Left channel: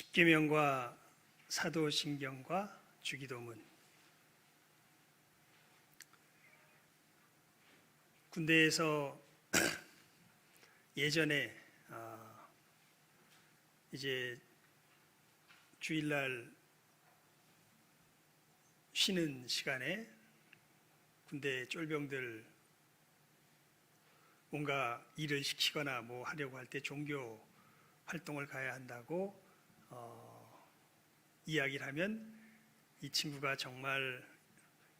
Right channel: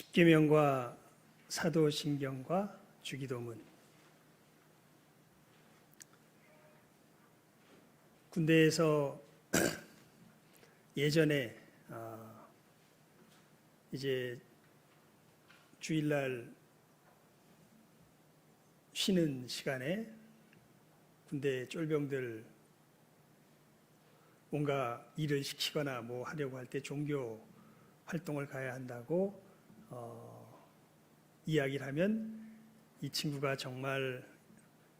십계명과 사도신경과 주기도문. 군대에서 예전에 이제 주일날 쉬는 시간에 군대 쫄병들 뭔가 일을 시키거나 뭐 하려고 할 때 종교 활동을 가야 한다고 이야기를 하면 이 친구가 정말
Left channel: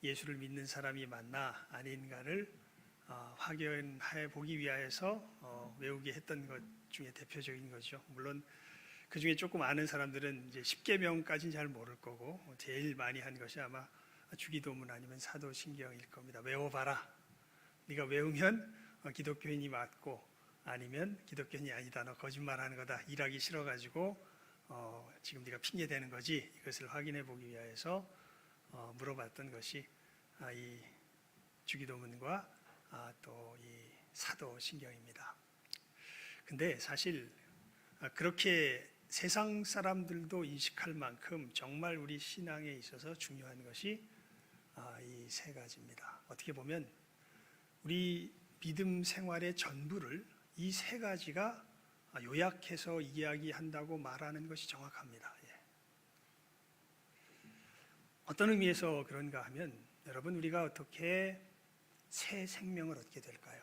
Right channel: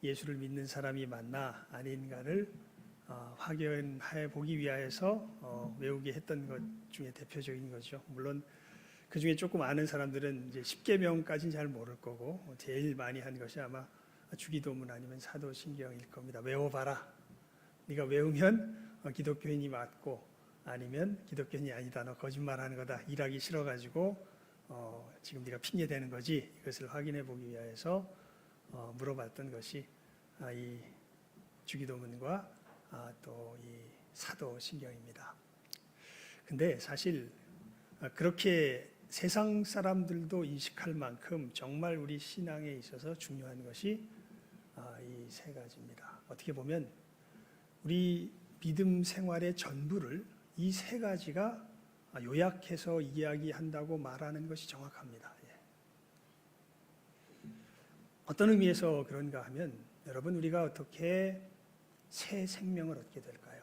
예수를 믿는 사람이 맞나 아닌가를 확인해 보기 위하여서 외우게 했던 것 중에 대표적인 거죠. 물론 그 중에 조금 아는 사람들은 이제 십계명까지는 잘 모를 거고 제일 많이 한 것이 아마 주기도문 아니면 사도신경일 겁니다. 외워봐라. 네가 외우면 기독교인이 맞고 아니면 기독교인이 아니다. 너 거짓말하는 거다. 일하기 싫어가지고 지금 네가 핑계 대는 거지. 이것을 확인해 보기 위해서 물어봤던 것이 이 주기도문과 또 이 사도신경입니다. 근데 사실 그렇게 세상 사람들도 인식할 만큼 정말 우리 신앙에 있어서 중요한 것이 이 세 가지입니다. 어떻게 보면 우리 믿음 생활의 전부를 이 세 가지가 요약해서 이야기한다고 말하는 것이 정확합니다. 어떤 의미에서 그런가 하면 여러분, 우리가 어떻게 새 생명을 얻게 될까요?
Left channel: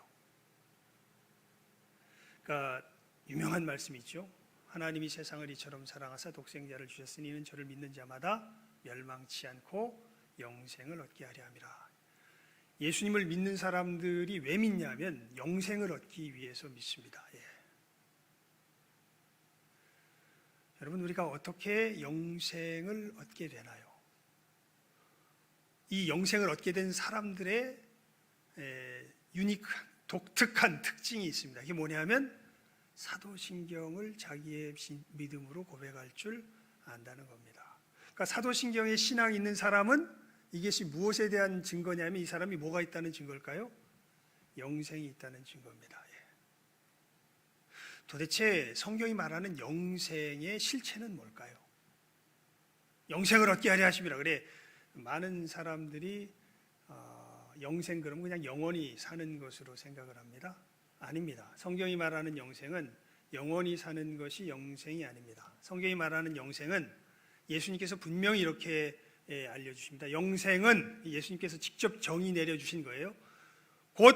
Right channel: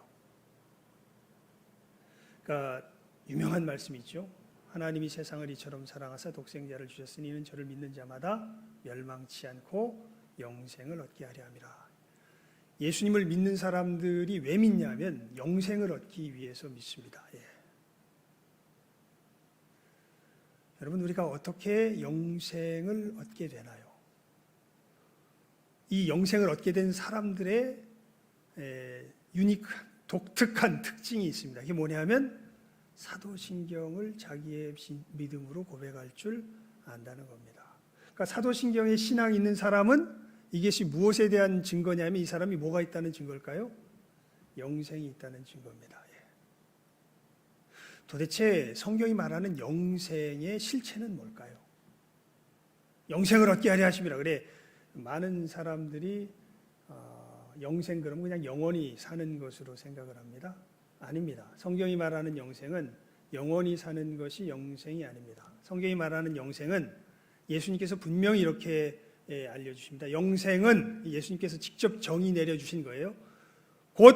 그러니까 유명한 말씀이 있죠. 하나님이 세상을 이처럼 사랑하사 독생자를 주셨으니 이는 저를 믿는 자마다 멸망치 않고 영생을 얻게 하려 함이라. 예수님을 믿는 사람들이 왜 믿냐면 영생을 얻기 위해서 믿습니다. 여러분, 우리가 어떻게 영생을 얻게 되나요? 이 영생을 얻게 된 사람들의 독특한 특징이 있습니다. 이게 뭐냐면 사도신경을 자기의 믿음으로 고백할 줄 안다는 겁니다. 그러니까 사도신경에 신앙이 있는 사람은 이것이 무엇에 대한 증거냐면 이 사람이 뭐가 있다는 증거일까요? 영생이 있다는 증거입니다. 도대체 성경이 말하는 영생의 실체는 뭘까요? 영생을 얻게 하려 하심이라. 그래, 많은 사람들이 영생 그러면 그냥 영원히 사는 것으로 생각을 합니다. 아닙니다. 성경이 말하는 영생은 영원히 사는 것이 영생이 아닙니다. 성경이 말하는 영생은 예수님께서 분명히 이렇게 알려주십니다. 영생은 예수님께서 직접 정의 내려주신 거예요. 곧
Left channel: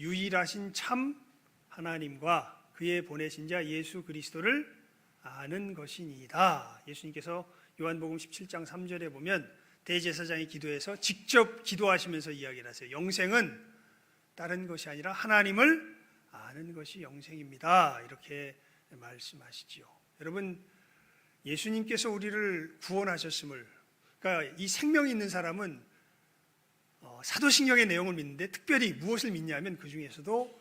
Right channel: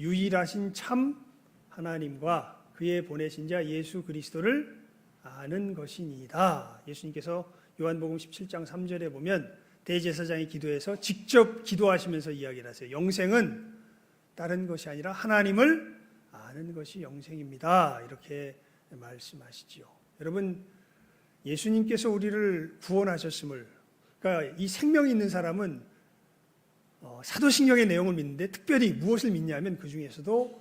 유일하신 참 하나님과 그의 보내신 자 예수 그리스도를 아는 것이니이다. 예수님께서 요한복음 17장 3절에 보면 대제사장의 기도에서 직접 기도하시면서 이야기를 하세요. 영생은 다른 것이 아니라 하나님을 아는 것이 영생입니다. 이렇게 말씀하시지요. 여러분, 예수님께서 우리를 구원하셨음을, 그러니까 이 생명이 있는 사람은 사도신경의 내용을 믿는데 특별히 무엇을 믿냐면 그 중에서도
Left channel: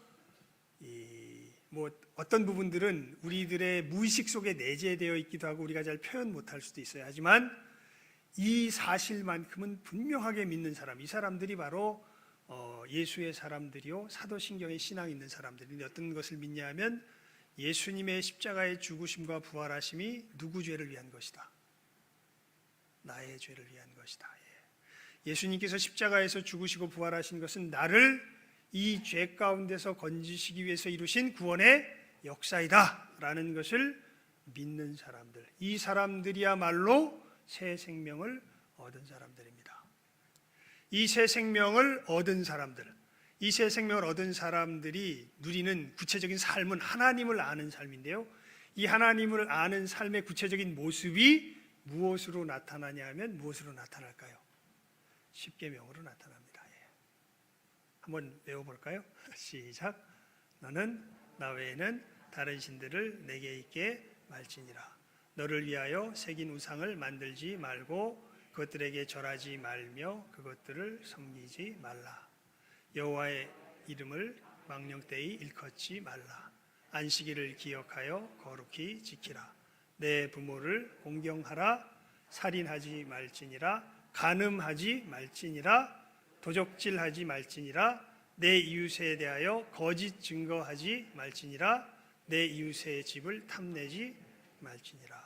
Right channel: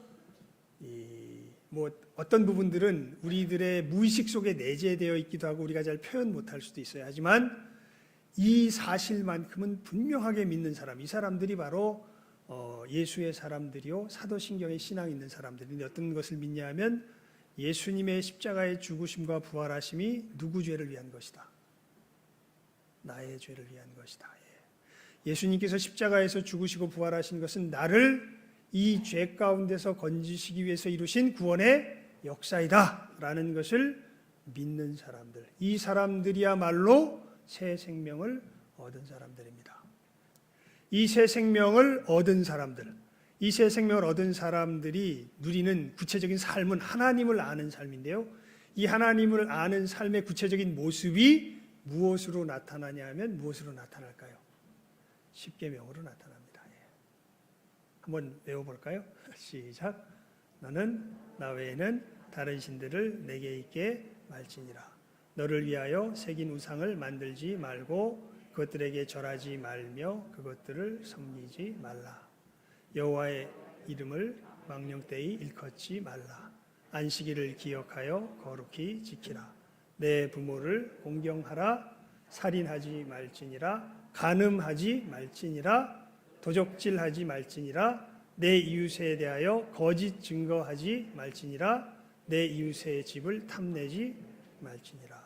어떤 부분들은 우리들의 무의식 속에 내재되어 있기도 하고 우리가 잘 표현 못할 수도 있어요. 하지만 이 사실만큼은 분명하게 믿는 사람, 이 사람들이 바로 예수의 사람들이요 사도신경에 신앙이 있는 사람들인데 어떤 것을 믿냐면 예수님의 십자가의 죽으심과 부활하심이 누구 죄를 위한 것이다? 나의 죄를 위한 것이다. 예수님께서 십자가에서 죽으시고 부활하신 것은 나를 이 죄 가운데서 건지시기 위해서 이루신 구원의 역사이다 라는 것을 믿는 사람들, 이 사람들이야말로 새 생명을 얻은 사람들입니다. 이 새 생명을 얻은 사람들, 이 새 생명을 얻은 사람들이 누리는 구체적인 삶은 하나님을 아는 삶인데요. 이 하나님을 아는 삶의 구체적인 모습이 무엇으로 나타나냐 하면 무엇으로 나타날까요? 십계명으로 나타납니다. 한번 외워볼까요? 시작. 너는 나 외에는 다른 신들을 내게 있게 말지니라. 너를 위하여 새긴 우상을 만들지 말고 그것들에게 절하지 말며 그것들을 섬기지 말라. 여호와의 이름을 망령되이 일컫지 말라. 안식일을 기억하여 거룩히 지키라. 내 부모를 공경하라. 살인하지 말지니라. 간음하지 말지니라. 도적질하지 말지니라. 내 이웃에 대하여 거짓 증거하지 말지니라. 내 이웃의 집을 탐내지 말지니라.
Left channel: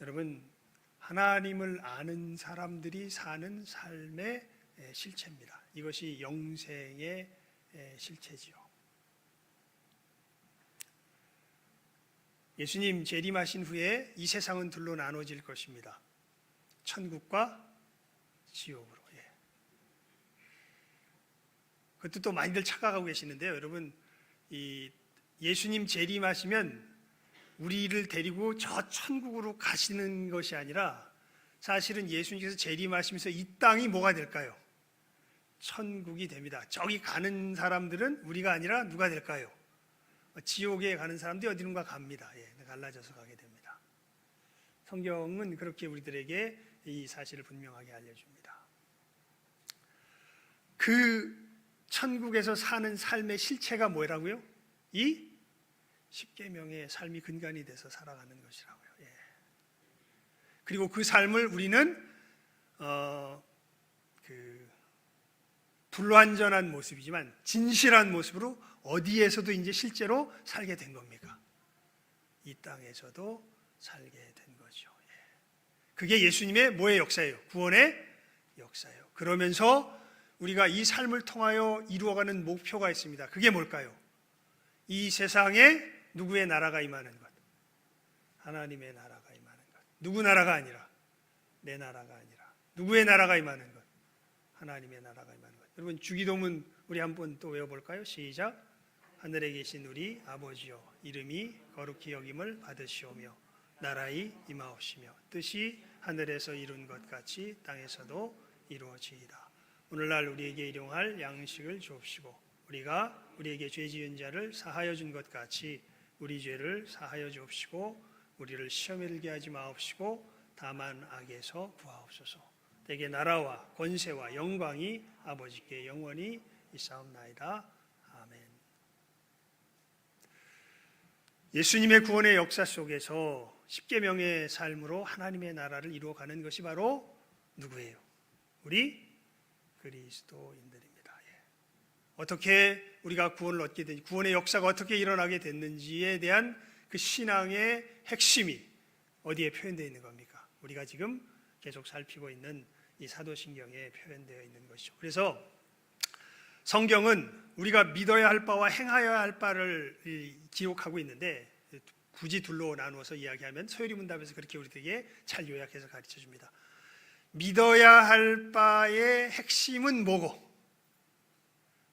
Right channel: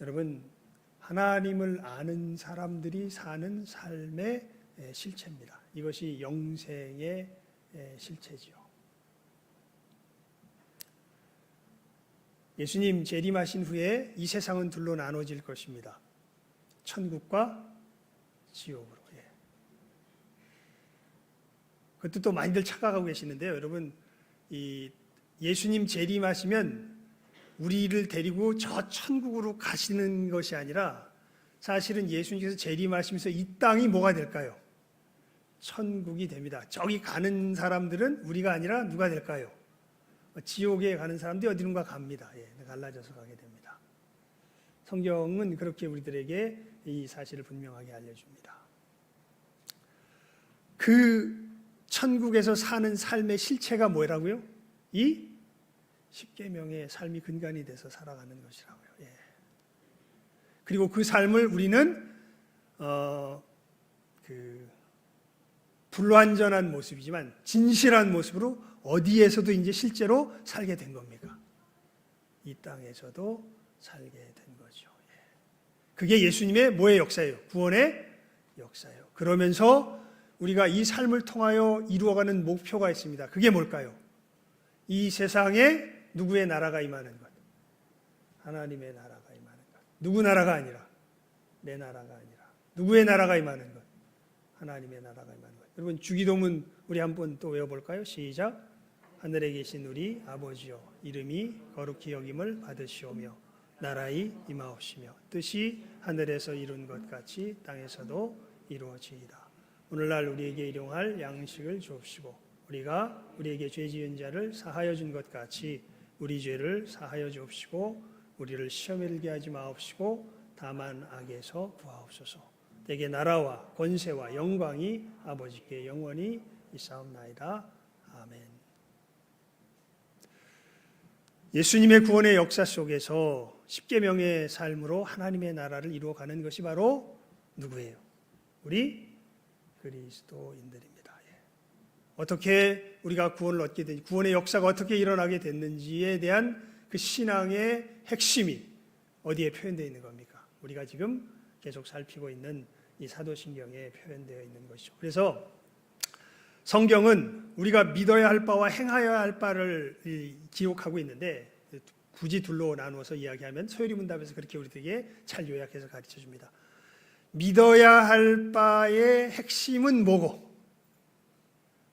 여러분, 하나님을 아는 사람들이 사는 삶의 실체입니다. 이것이 영생의 실체지요. 예수님 재림하신 후에 이 세상은 둘로 나눠질 것입니다. 천국과 지옥으로. 그것도 또 많이들 착각하고 계시는데요. 여러분, 이 예수님 재림하시면 우리를 데리고 저 천국으로 가시는 것이 아니라 사실은 예수님께서 재림하시면서 이 땅이 뭐가 될까요? 천국이 됩니다. 저기 가는 사람들은 우리가 아니라 누가 될까요? 지옥에 가는 사람들이 어디론가 갑니다. 갈라져서 가게 됩니다. 성경은 그렇게 우리들에게 이 사실을 분명하게 알려줍니다. 그 천국에서 사는 삶의 실체가 뭐라고요? 이 십계명의 삶이 근간이 돼서 살아가는 것이라고요. 그리고 그 삶을 우리는 불완전한 모습이지만 진실한 모습으로 어디에서도 이제 실제로 살게 된 겁니까? 이 땅에서도 살게 된 거죠. 그게 예수님의 뭐의 역사예요? 구원의 역사예요. 그러면서 우리가 이 삶을 통하여 이루어가는 목표가 있습니다. 그게 뭘까요? 이 세상에 누구의 나라가 임하는 것? 하나님의 나라가 임하는 것. 누구 나라가 아니라 내 나라가 아니라 누구의 나라가 임하는 것? 하나님의 나라가 임하는 것. 여러분, 주기도문 우리 한번 또 외워볼까요? 시작. 하늘에 계신 우리 아버지여, 이름이 거룩히 여김을 받으시오며 나라의 임하옵시며 뜻이 하늘에서 이룬 것 같이 땅에서도 이루어지이다. 오늘날 우리에게 일용할 양식을 주옵시고 우리가 우리에게 죄 지은 자를 사하여 준 것 같이 우리 죄를 사하여 주옵시고 우리를 시험에 들게 하지 마옵시고 다만 악에서 구하옵소서. 대개 나라와 권세와 영광이 아버지께 영원히 있사옵나이다. 아멘. 예수님의 구원의 역사 속에서 십계명의 삶으로 하나님의 나라를 이루어가는 것이 바로 누구예요? 우리 그리스도인들입니다. 어떻게 우리가 구원을 얻게 되는지, 구원의 역사가 어떻게 일어나게 됐는지에 대한 그 신앙의 핵심이 어디에 표현되어 있는 겁니까? 우리가 지금 계속 살피고 있는 이 사도신경에 표현되어 있는 것이죠. 그래서 성경은 우리가 믿어야 할 바와 행하여야 할 바를 기록하고 있는데 굳이 둘로 나누어서 이야기하면 소요리문답에서 그렇게 우리들에게 잘 요약해서 가르쳐 줍니다. 믿어야 할 바의 핵심은 뭐고?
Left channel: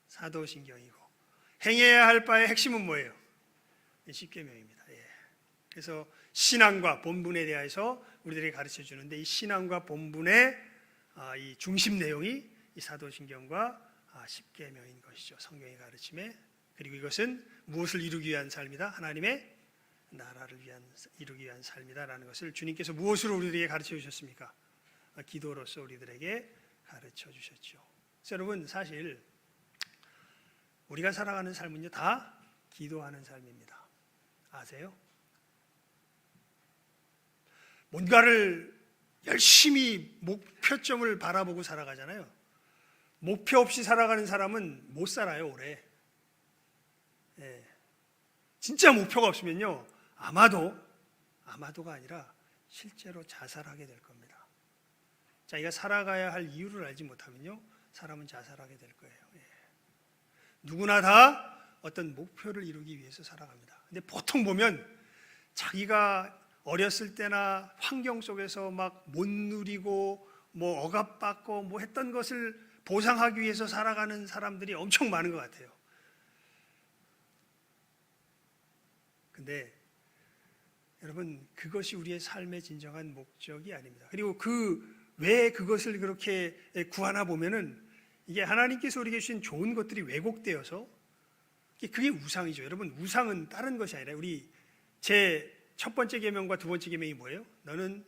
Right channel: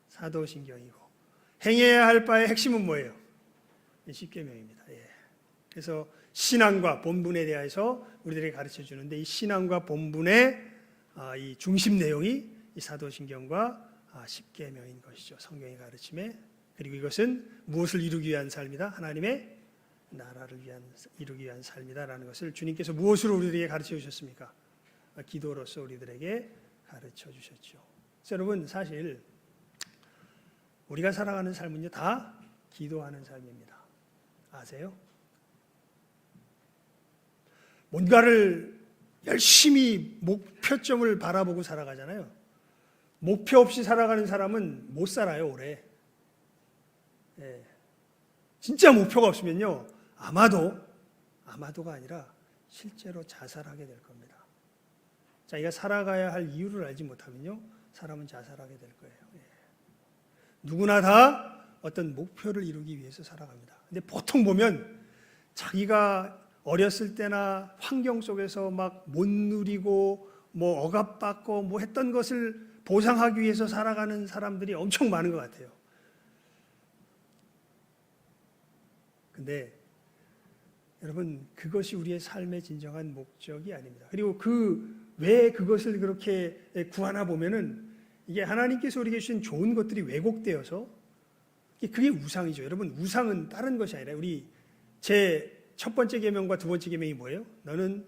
사도신경이고, 행해야 할 바의 핵심은 뭐예요? 십계명입니다. 그래서 신앙과 본분에 대해서 우리들에게 가르쳐 주는데 이 신앙과 본분의 이 중심 내용이 이 사도신경과 십계명인 것이죠. 성경의 가르침에. 그리고 이것은 무엇을 이루기 위한 삶이다? 하나님의 나라를 이루기 위한 삶이다라는 것을 주님께서 무엇으로 우리들에게 가르쳐 주셨습니까? 기도로서 우리들에게 가르쳐 주셨죠. 그래서 여러분, 사실 우리가 살아가는 삶은요 다 기도하는 삶입니다. 아세요? 뭔가를 열심히 목표점을 바라보고 살아가잖아요. 목표 없이 살아가는 사람은 못 살아요, 오래. 진짜 목표가 없으면요 아마도가 아니라 실제로 자살하게 될 겁니다. 자기가 살아가야 할 이유를 알지 못하면요 사람은 자살하게 될 거예요. 누구나 다 어떤 목표를 이루기 위해서 살아갑니다. 근데 보통 보면 자기가 어렸을 때나 환경 속에서 막 못 누리고 뭐 억압받고 뭐 했던 것을 보상하기 위해서 살아가는 사람들이 엄청 많은 것 같아요. 근데 여러분, 그것이 우리의 삶의 진정한 목적이 아닙니다. 그리고 왜 그것을 그렇게 구하나 보면은 이게 하나님께서 우리에게 주신 좋은 것들이 왜곡되어서 그게 우상이죠. 여러분, 우상은 다른 것이 아니라 우리 제 첫 번째 계명과 두 번째 계명이 뭐예요? 너는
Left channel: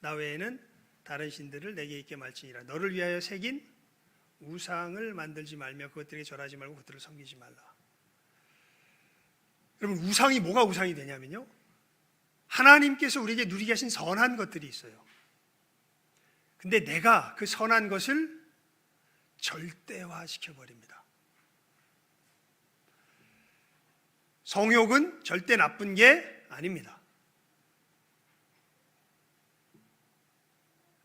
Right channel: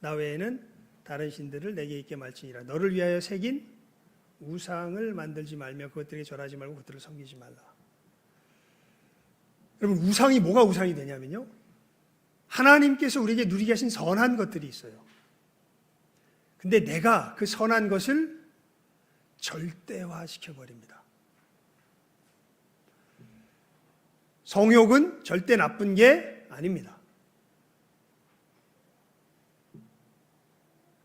나 외에는 다른 신들을 내게 있게 말지니라. 너를 위하여 새긴 우상을 만들지 말며 그것들에게 절하지 말고 그것들을 섬기지 말라. 여러분, 우상이 뭐가 우상이 되냐면요, 하나님께서 우리에게 누리게 하신 선한 것들이 있어요. 근데 내가 그 선한 것을 절대화 시켜버립니다. 성욕은 절대 나쁜 게 아닙니다.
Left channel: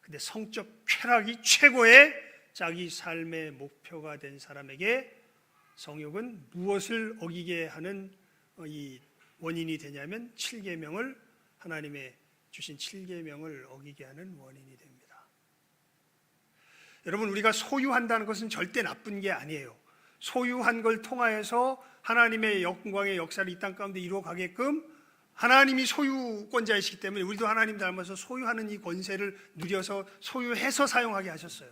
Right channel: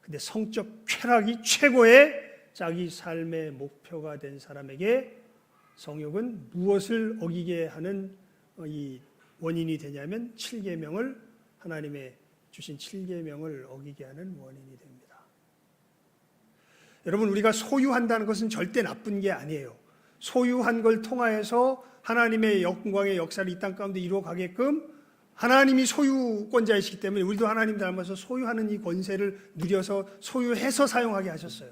근데 성적 쾌락이 최고의 자기 삶의 목표가 된 사람에게 성욕은 무엇을 어기게 하는 이 원인이 되냐면 7계명을, 하나님의 주신 7계명을 어기게 하는 원인이 됩니다. 여러분, 우리가 소유한다는 것은 절대 나쁜 게 아니에요. 소유한 걸 통하여서 하나님의 영광의 역사를 이 땅 가운데 이루어가게끔 하나님이 소유권자이시기 때문에 우리도 하나님 닮아서 소유하는 이 권세를 누려서 소유해서 사용하게 하셨어요.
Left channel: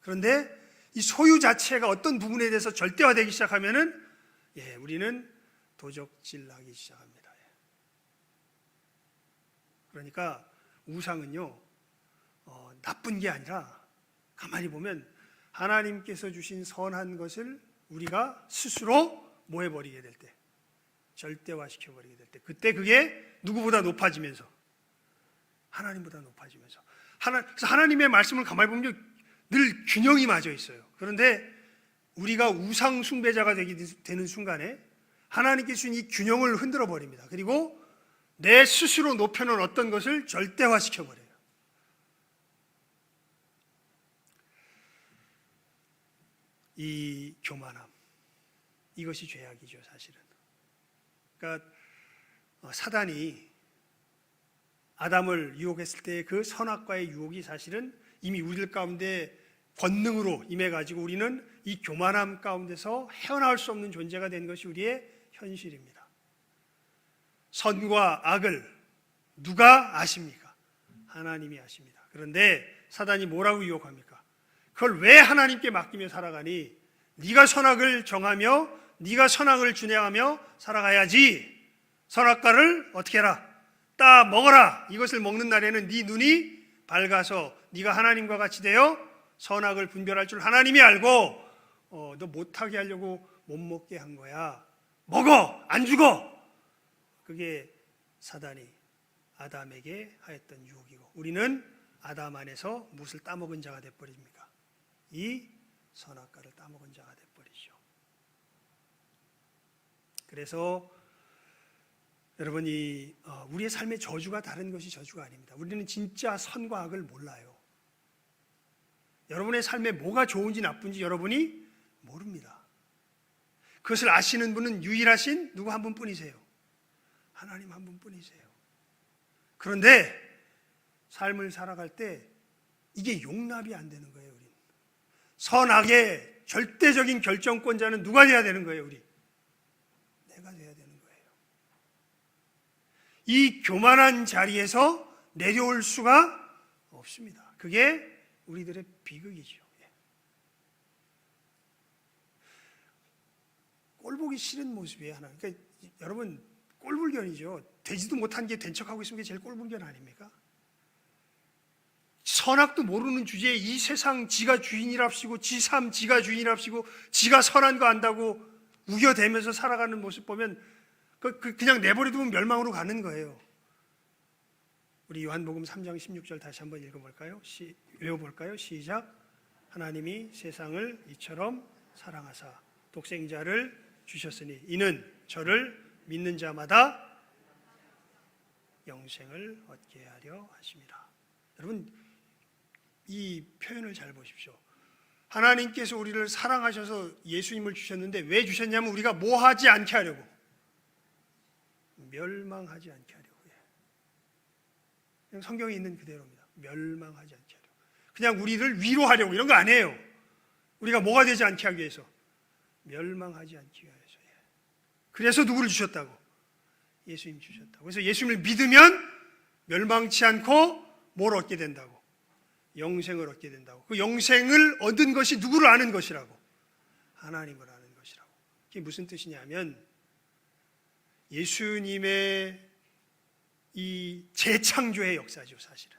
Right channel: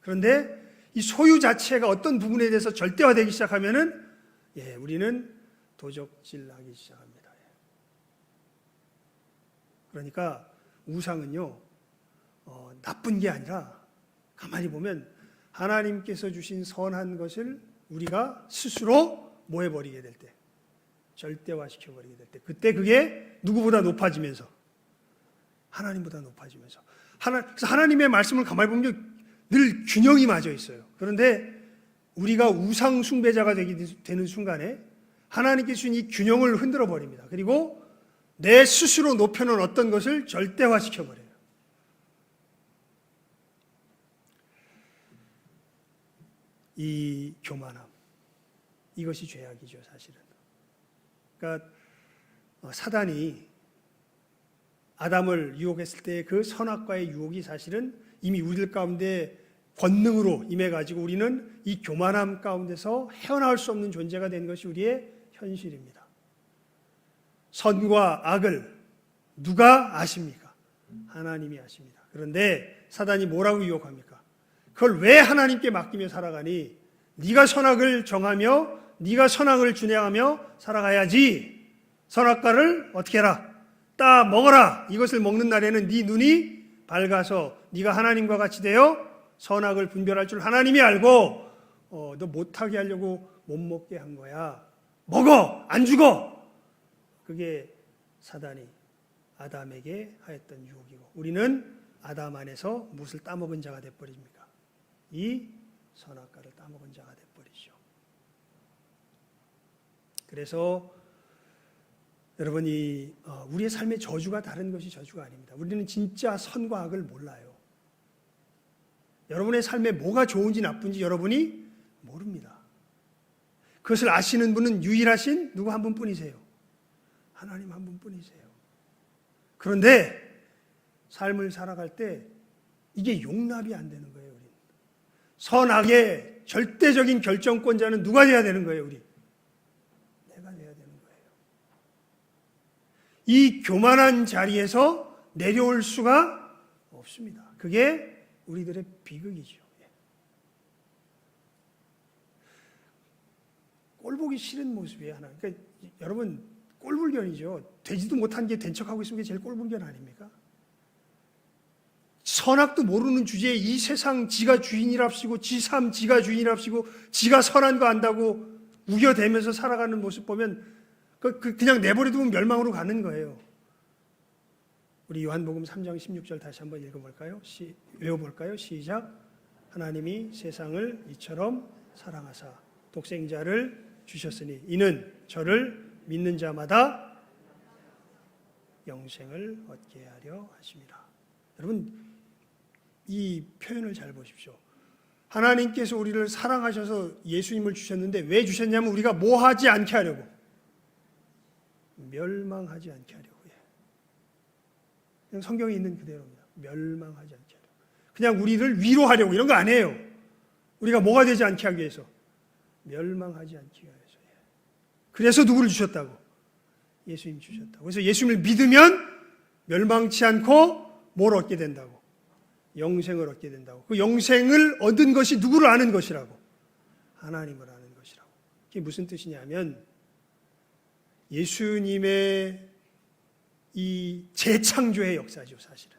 그런데 이 소유 자체가 어떤 부분에 대해서 절대화되기 시작하면은 우리는 도적질하기 시작합니다. 그러니까 우상은요 나쁜 게 아니라 가만히 보면 하나님께서 주신 선한 것을 우리가 스스로 뭐 해버리게 될 때, 절대화시켜버리게 될 때, 그때 그게 누구보다 높아지면서, 하나님보다 높아지면서, 그래서 하나님의 말씀을 가만히 보면 늘 균형이 맞아 있어요. 그런데 우리가 우상 숭배자가 되는 순간에 하나님께 주신 이 균형을 흔들어 버립니다. 그리고 내 스스로 높여놓은 어떤 것을 절대화시켜버려요. 이 교만함, 이것이 죄악이죠, 사실은. 그러니까 사단이 아담을 유혹했을 때 그 선악과의 유혹이 사실은 이미 우리들 가운데 권능으로 임해가지고 우리는 이 교만함 가운데서 헤어나올 수 없는 존재가 된 것이 우리의 현실입니다. 선과 악을 누가 아십니까? 하나님이 아십니다. 그런데 사단이 뭐라고 유혹합니까? 그걸 왜 하나님께 맡기며 살아가니? 네가 선악을 정하며 네가 선악을 준행하며 살아가야지. 선악과를 어떻게 해라? 따 먹어라. 이것을 먹는 날에는 네 눈이 밝아서 네가 하나님과 같이 되어 선악을 분별할 줄 하나님이 알고 너 못하게 하려고 못 먹게 한 거야. 먹어! 안 죽어! 그게 사단이 아담에게 하였던 유혹이고 우리는 아담 안에서 무엇을 따먹은 자가 돼버립니까? 이 선악과를 따먹은 자가 돼버리죠. 그래서 여러분이 우리의 삶의 저주가 다른 것이 저주가 아닙니다. 우리는 진짜 선과 악을 몰라요. 여러분의 삶에 뭐가 좋은지 나쁜지 여러분이 모릅니다. 그것을 아시는 분은 유일하신 누구 한 분뿐이세요. 하나님 한 분뿐이세요. 그런데 삶을 살아갈 때 이게 용납이 안 되는 거예요. 우리 선악의 절대적인 결정권자는 누가 돼야 되는 거예요? 우리 내가 돼야 되는 거예요. 이 교만한 자리에서 내려올 수가 없습니다. 그게 우리들의 비극이죠. 꼴보기 싫은 모습이에요. 하나. 그러니까 여러분 꼴불견이죠. 되지도 못한 게 된 척하고 있으면 게 제일 꼴불견 아닙니까? 선악도 모르는 주제에 이 세상 지가 주인이랍시고 지 삶 지가 주인이랍시고 지가 선한 거 안다고 우겨대면서 살아가는 모습 보면 그냥 내버려두면 멸망으로 가는 거예요. 우리 요한복음 3장 16절 다시 한번 읽어볼까요? 외워볼까요? 시작. 하나님이 세상을 이처럼 사랑하사 독생자를 주셨으니 이는 저를 믿는 자마다 영생을 얻게 하려 하심이라. 여러분 이 표현을 잘 보십시오. 하나님께서 우리를 사랑하셔서 예수님을 주셨는데 왜 주셨냐면 우리가 뭐 하지 않게 하려고, 멸망하지 않게 하려고. 그냥 성경에 있는 그대로입니다. 멸망하지 않게 하려고. 그냥 우리를 위로하려고 이런 거 아니에요. 우리가 뭐가 되지 않게 하기 위해서, 멸망하지 않기 위해서. 그래서 누구를 주셨다고? 예수님 주셨다고. 그래서 예수님을 믿으면 멸망치 않고 뭘 얻게 된다고? 영생을 얻게 된다고. 그 영생을 얻은 것이 누구를 아는 것이라고? 하나님을 아는 것이라고. 이게 무슨 뜻이냐면 예수님의 이 재창조의 역사죠, 사실은.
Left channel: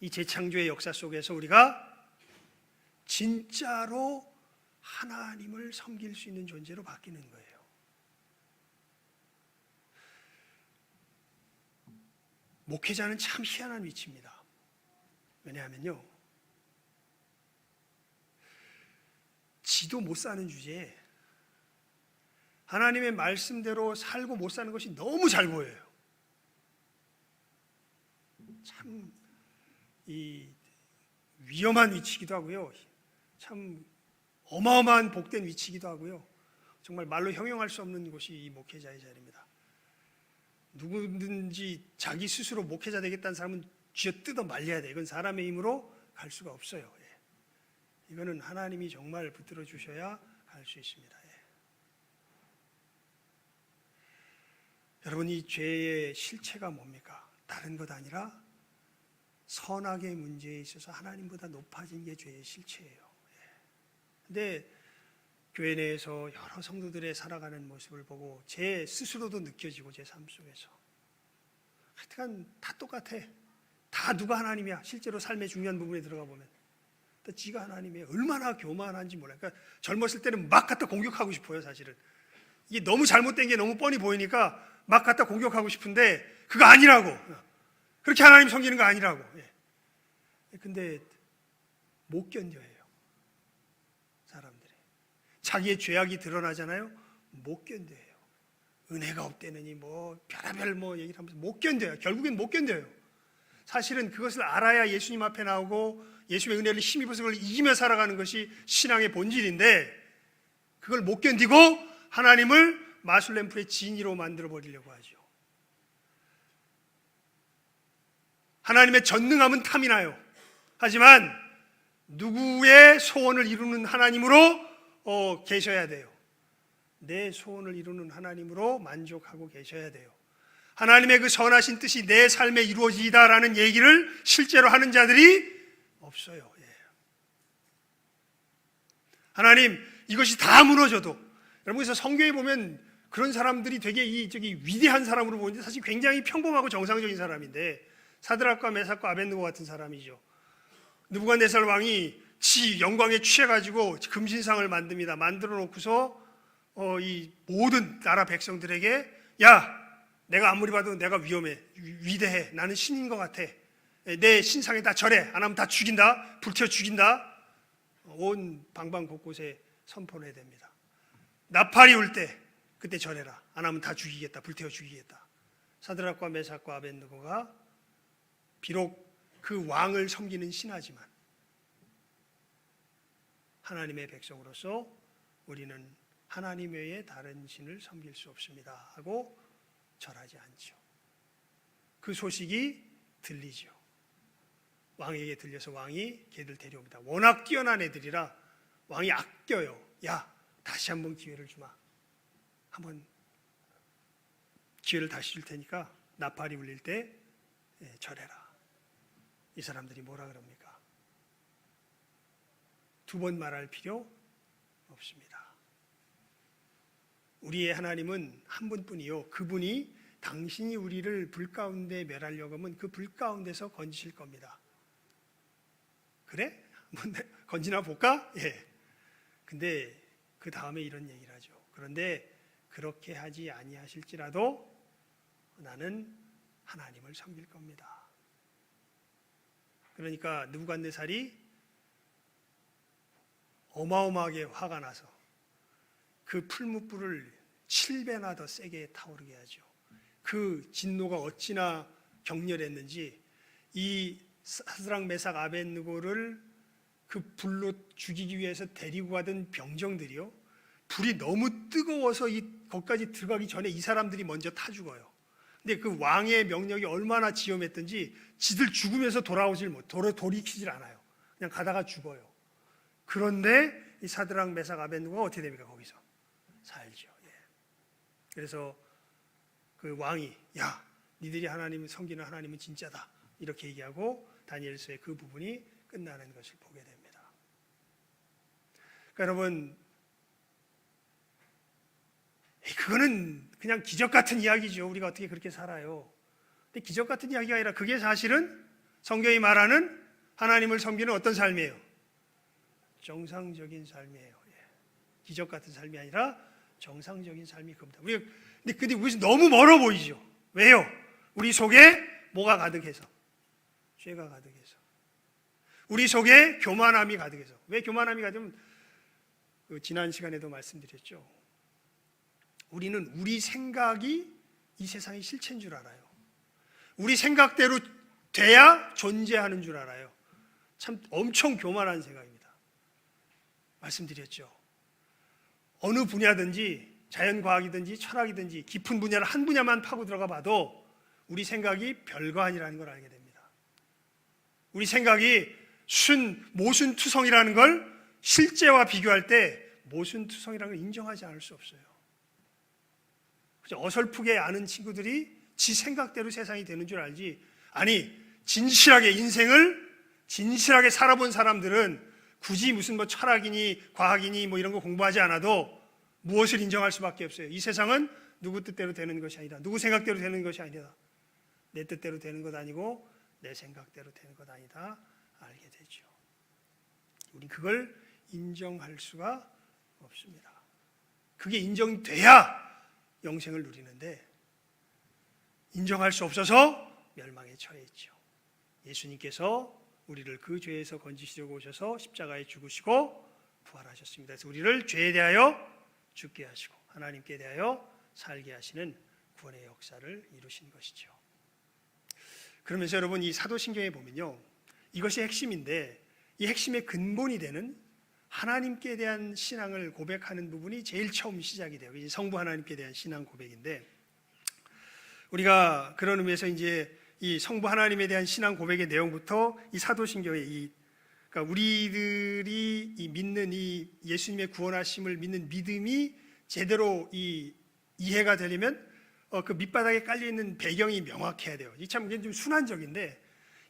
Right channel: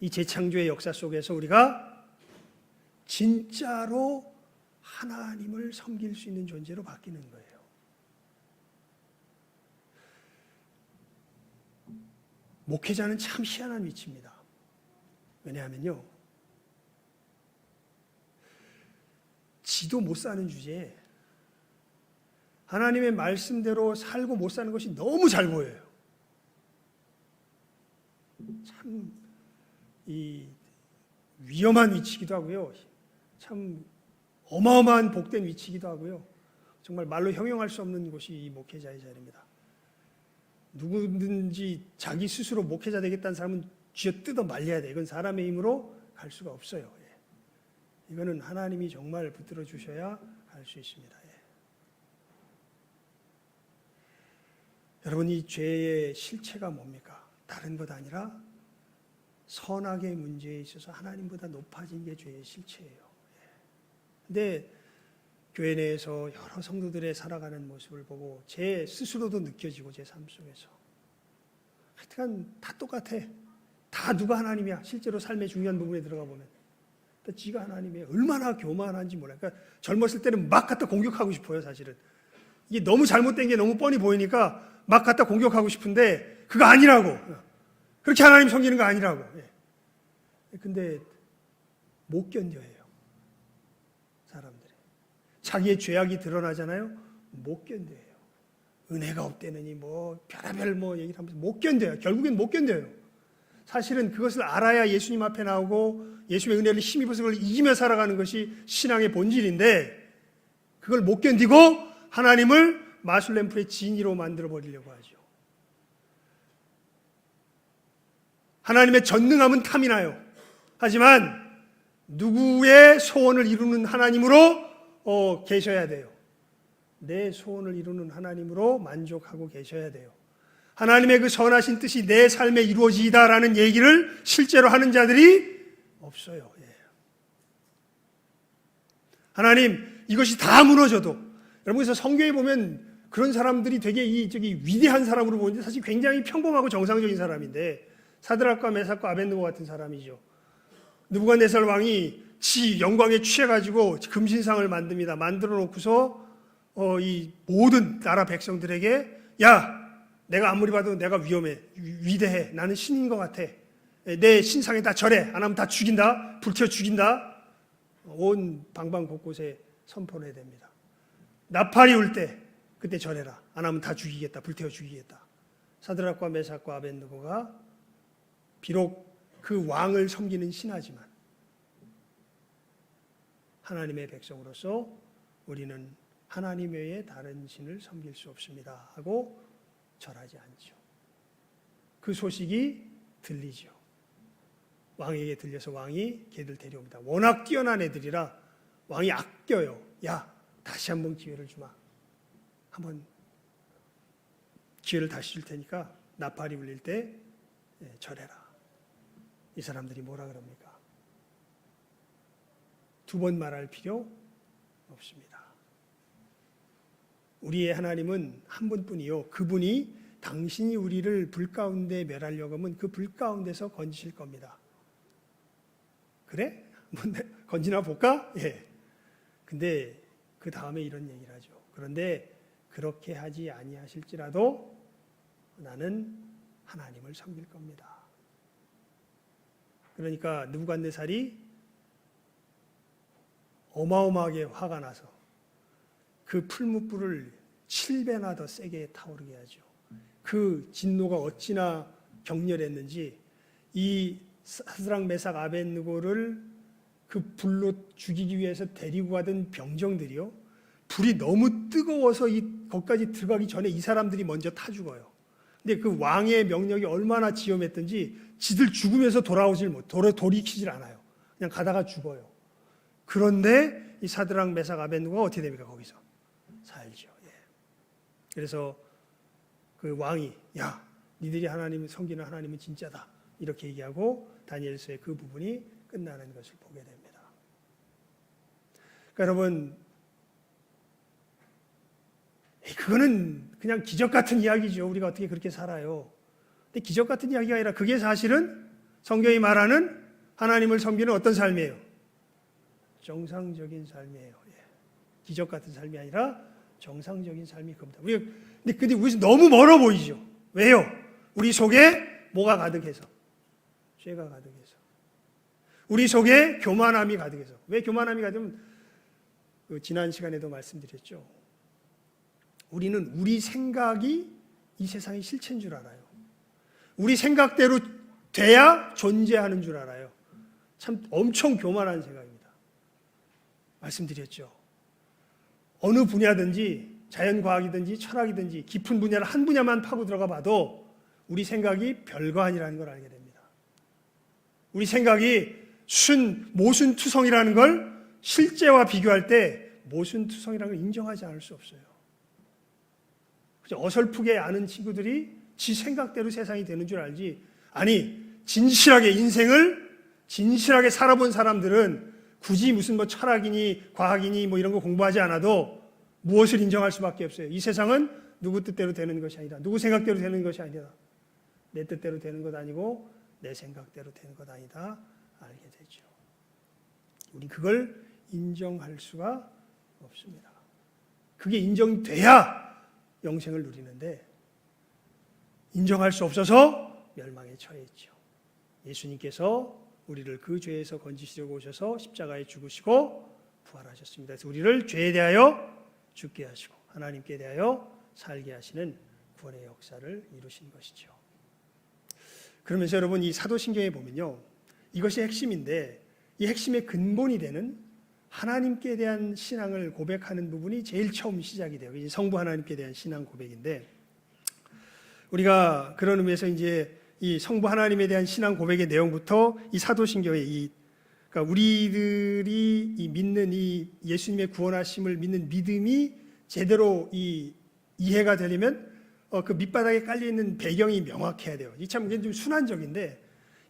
이 재창조의 역사 속에서 우리가 진짜로 하나님을 섬길 수 있는 존재로 바뀌는 거예요. 목회자는 참 희한한 위치입니다. 왜냐하면요, 지도 못 사는 주제에 하나님의 말씀대로 살고 못 사는 것이 너무 잘 보여요. 참 이 위험한 위치이기도 하고요. 참 어마어마한 복된 위치이기도 하고요. 정말 말로 형용할 수 없는 곳이 이 목회자의 자리입니다. 누구든지 자기 스스로 목회자 되겠다는 사람은 쥐어뜯어 말려야 돼. 이건 사람의 힘으로 갈 수가 없어요. 이거는 하나님이 정말 붙들어 주셔야 할 수 있습니다. 여러분, 이 죄의 실체가 뭡니까? 다른 것 아니라 선악의 문제에 있어서 하나님보다 높아진 게 죄의 실체예요. 근데 교회 내에서 여러 성도들의 살아가는 모습을 보고 제 스스로도 느껴지고 제 삶 속에서 하여튼 다 똑같아. 다 누가 하나님이야. 실제로 삶의 중요한 부분에 들어가 보면 또 지가 하나님이에요. 얼마나 교만한지 몰라요. 그러니까 젊었을 때는 막 갖다 공격하고 싶어요. 사실은 이게 너무 잘못된 게 너무 뻔히 보이니까 막 갖다 공격하고 싶은데 그거 아니라고. 그렇게 하나님 섬기는 거 아니라고. 근데 못 견뎌해요. 사람들이. 자기의 죄악이 드러나잖아요. 못 견뎌해요. 은혜가 없대느니 뭐 별의별 뭐 얘기를 하면서 못 견뎌요. 결국엔 못 견뎌요. 사실은 그것을 알아야 예수님 앞에 나오고 예수님의 은혜를 힘입어서 그걸 이기며 살아가는 것이 신앙의 본질인데 그걸 못 견디고 하나님을 마술램프의 진이로 만들어 버리려고 하죠. 하나님의 전능함은 탐이 나요. 하지만 누구의 소원을 이루는 하나님으로 계셔야 돼요. 내 소원을 이루는 하나님으로 만족하고 계셔야 돼요. 하나님의 그 선하신 뜻이 내 삶에 이루어지다라는 얘기를 실제로 하는 자들이 없어요. 하나님, 이것이 다 무너져도 여러분, 그래서 성경에 보면 그런 사람들이 되게 위대한 사람으로 보는데 사실 굉장히 평범하고 정상적인 사람인데 사드락과 메삭과 아벳느고 같은 사람이죠. 느부갓네살 왕이 지 영광에 취해가지고 금신상을 만듭니다. 만들어 놓고서 이 모든 나라 백성들에게 야, 내가 아무리 봐도 내가 위대해. 나는 신인 것 같아. 내 신상에 다 절해. 안 하면 다 죽인다. 불태워 죽인다. 온 방방 곳곳에 선포를 해야 됩니다. 나팔이 울 때 그때 절해라. 안 하면 다 죽이겠다. 불태워 죽이겠다. 사드락과 메삭과 아벳느고가 비록 그 왕을 섬기는 신하지만 하나님의 백성으로서 우리는 하나님 외에 다른 신을 섬길 수 없습니다 하고 절하지 않죠. 그 소식이 들리죠. 왕에게 들려서 왕이 걔들 데려옵니다. 워낙 뛰어난 애들이라 왕이 아껴요. 야, 다시 한번 기회를 주마. 한번 기회를 다시 줄 테니까 나팔이 울릴 때 절해라. 이 사람들이 뭐라 그럽니까? 두 번 말할 필요 없습니다. 우리의 하나님은 한 분뿐이요. 그분이 당신이 우리를 불 가운데 멸하려고 하면 그 불 가운데서 건지실 겁니다. 그래? 건지나 볼까? 예. 근데 그 다음에 이런 얘기를 하죠. 그런데 그렇게 하지 아니하실지라도 나는 하나님을 섬길 겁니다. 그러니까 느부갓네살이 어마어마하게 화가 나서 그 풀무불을 7배나 더 세게 타오르게 하죠. 그 진노가 어찌나 격렬했는지 이 사드락 메삭 아벳느고를 그 불로 죽이기 위해서 데리고 가던 병정들이요, 불이 너무 뜨거워서 거기까지 들어가기 전에 이 사람들이 먼저 타 죽어요. 근데 그 왕의 명령이 얼마나 지엄했던지 지들 죽으면서 돌이키질 않아요. 그냥 가다가 죽어요. 그런데 이 사드락 메삭 아벳느고가 어떻게 됩니까? 거기서 살죠. 그래서 그 왕이 야, 니들이 하나님을 섬기는 하나님은 진짜다 이렇게 얘기하고 다니엘서의 그 부분이 끝나는 것을 보게 됩니다. 그러니까 여러분, 그거는 그냥 기적 같은 이야기죠. 우리가 어떻게 그렇게 살아요. 근데 기적 같은 이야기가 아니라 그게 사실은 성경이 말하는 하나님을 섬기는 어떤 삶이에요? 정상적인 삶이에요. 기적 같은 삶이 아니라 정상적인 삶이 그겁니다. 근데 우리 너무 멀어 보이죠. 왜요? 우리 속에 뭐가 가득해서? 죄가 가득해서. 우리 속에 교만함이 가득해서. 왜 교만함이 가득하면 지난 시간에도 말씀드렸죠. 우리는 우리 생각이 이 세상의 실체인 줄 알아요. 우리 생각대로 돼야 존재하는 줄 알아요. 참 엄청 교만한 생각입니다. 말씀드렸죠. 어느 분야든지 자연과학이든지 철학이든지 깊은 분야를 한 분야만 파고 들어가 봐도 우리 생각이 별거 아니라는 걸 알게 됩니다. 우리 생각이 모순투성이라는 걸 실제와 비교할 때 모순투성이라는 걸 인정하지 않을 수 없어요. 어설프게 아는 친구들이 지 생각대로 세상이 되는 줄 알지, 아니 진실하게 인생을 진실하게 살아본 사람들은 굳이 무슨 뭐 철학이니 과학이니 뭐 이런 거 공부하지 않아도 무엇을 인정할 수밖에 없어요. 이 세상은 누구 뜻대로 되는 것이 아니다. 누구 생각대로 되는 것이 아니다. 내 뜻대로 되는 것 아니고 내 생각대로 되는 것 아니다. 알게 되죠. 우리 그걸 인정할 수가 없습니다. 그게 인정돼야 영생을 누리는데 인정할 수 없어서 멸망에 처해 있죠. 예수님께서 우리를 그 죄에서 건지시려고 오셔서 십자가에 죽으시고 부활하셨습니다. 그래서 우리를 죄에 대하여 죽게 하시고 하나님께 대하여 살게 하시는 구원의 역사를 이루신 것이죠. 그러면서 여러분 이 사도신경에 보면요, 이것이 핵심인데 이 핵심의 근본이 되는 하나님께 대한 신앙을 고백하는 부분이 제일 처음 시작이 돼요. 이제 성부 하나님께 대한 신앙 고백인데, 우리가 그런 의미에서 이제 이 성부 하나님에 대한 신앙 고백의 내용부터 이 사도신경의 그러니까 우리들이 이 믿는 이 예수님의 구원하심을 믿는 믿음이 제대로 이해가 되려면 그 밑바닥에 깔려 있는 배경이 명확해야 돼요. 이 참 좀 순환적인데,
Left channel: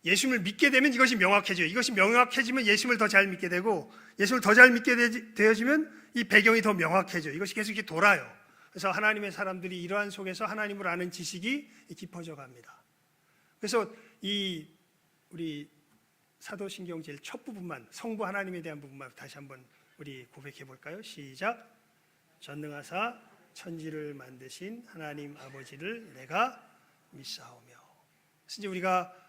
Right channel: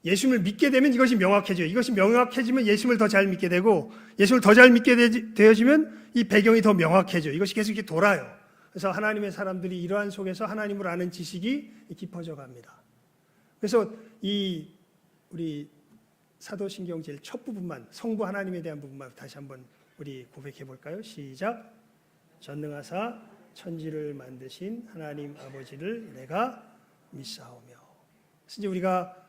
예수님을 믿게 되면 이것이 명확해져요. 이것이 명확해지면 예수님을 더 잘 믿게 되고, 예수님을 더 잘 믿게 되어지면 이 배경이 더 명확해져요. 이것이 계속 이렇게 돌아요. 그래서 하나님의 사람들이 이러한 속에서 하나님을 아는 지식이 깊어져 갑니다. 그래서 우리 사도신경 제일 첫 부분만, 성부 하나님에 대한 부분만 다시 한번 우리 고백해 볼까요? 시작. 전능하사 천지를 만드신 하나님 아버지를 내가 믿사오며. 그래서 이제 우리가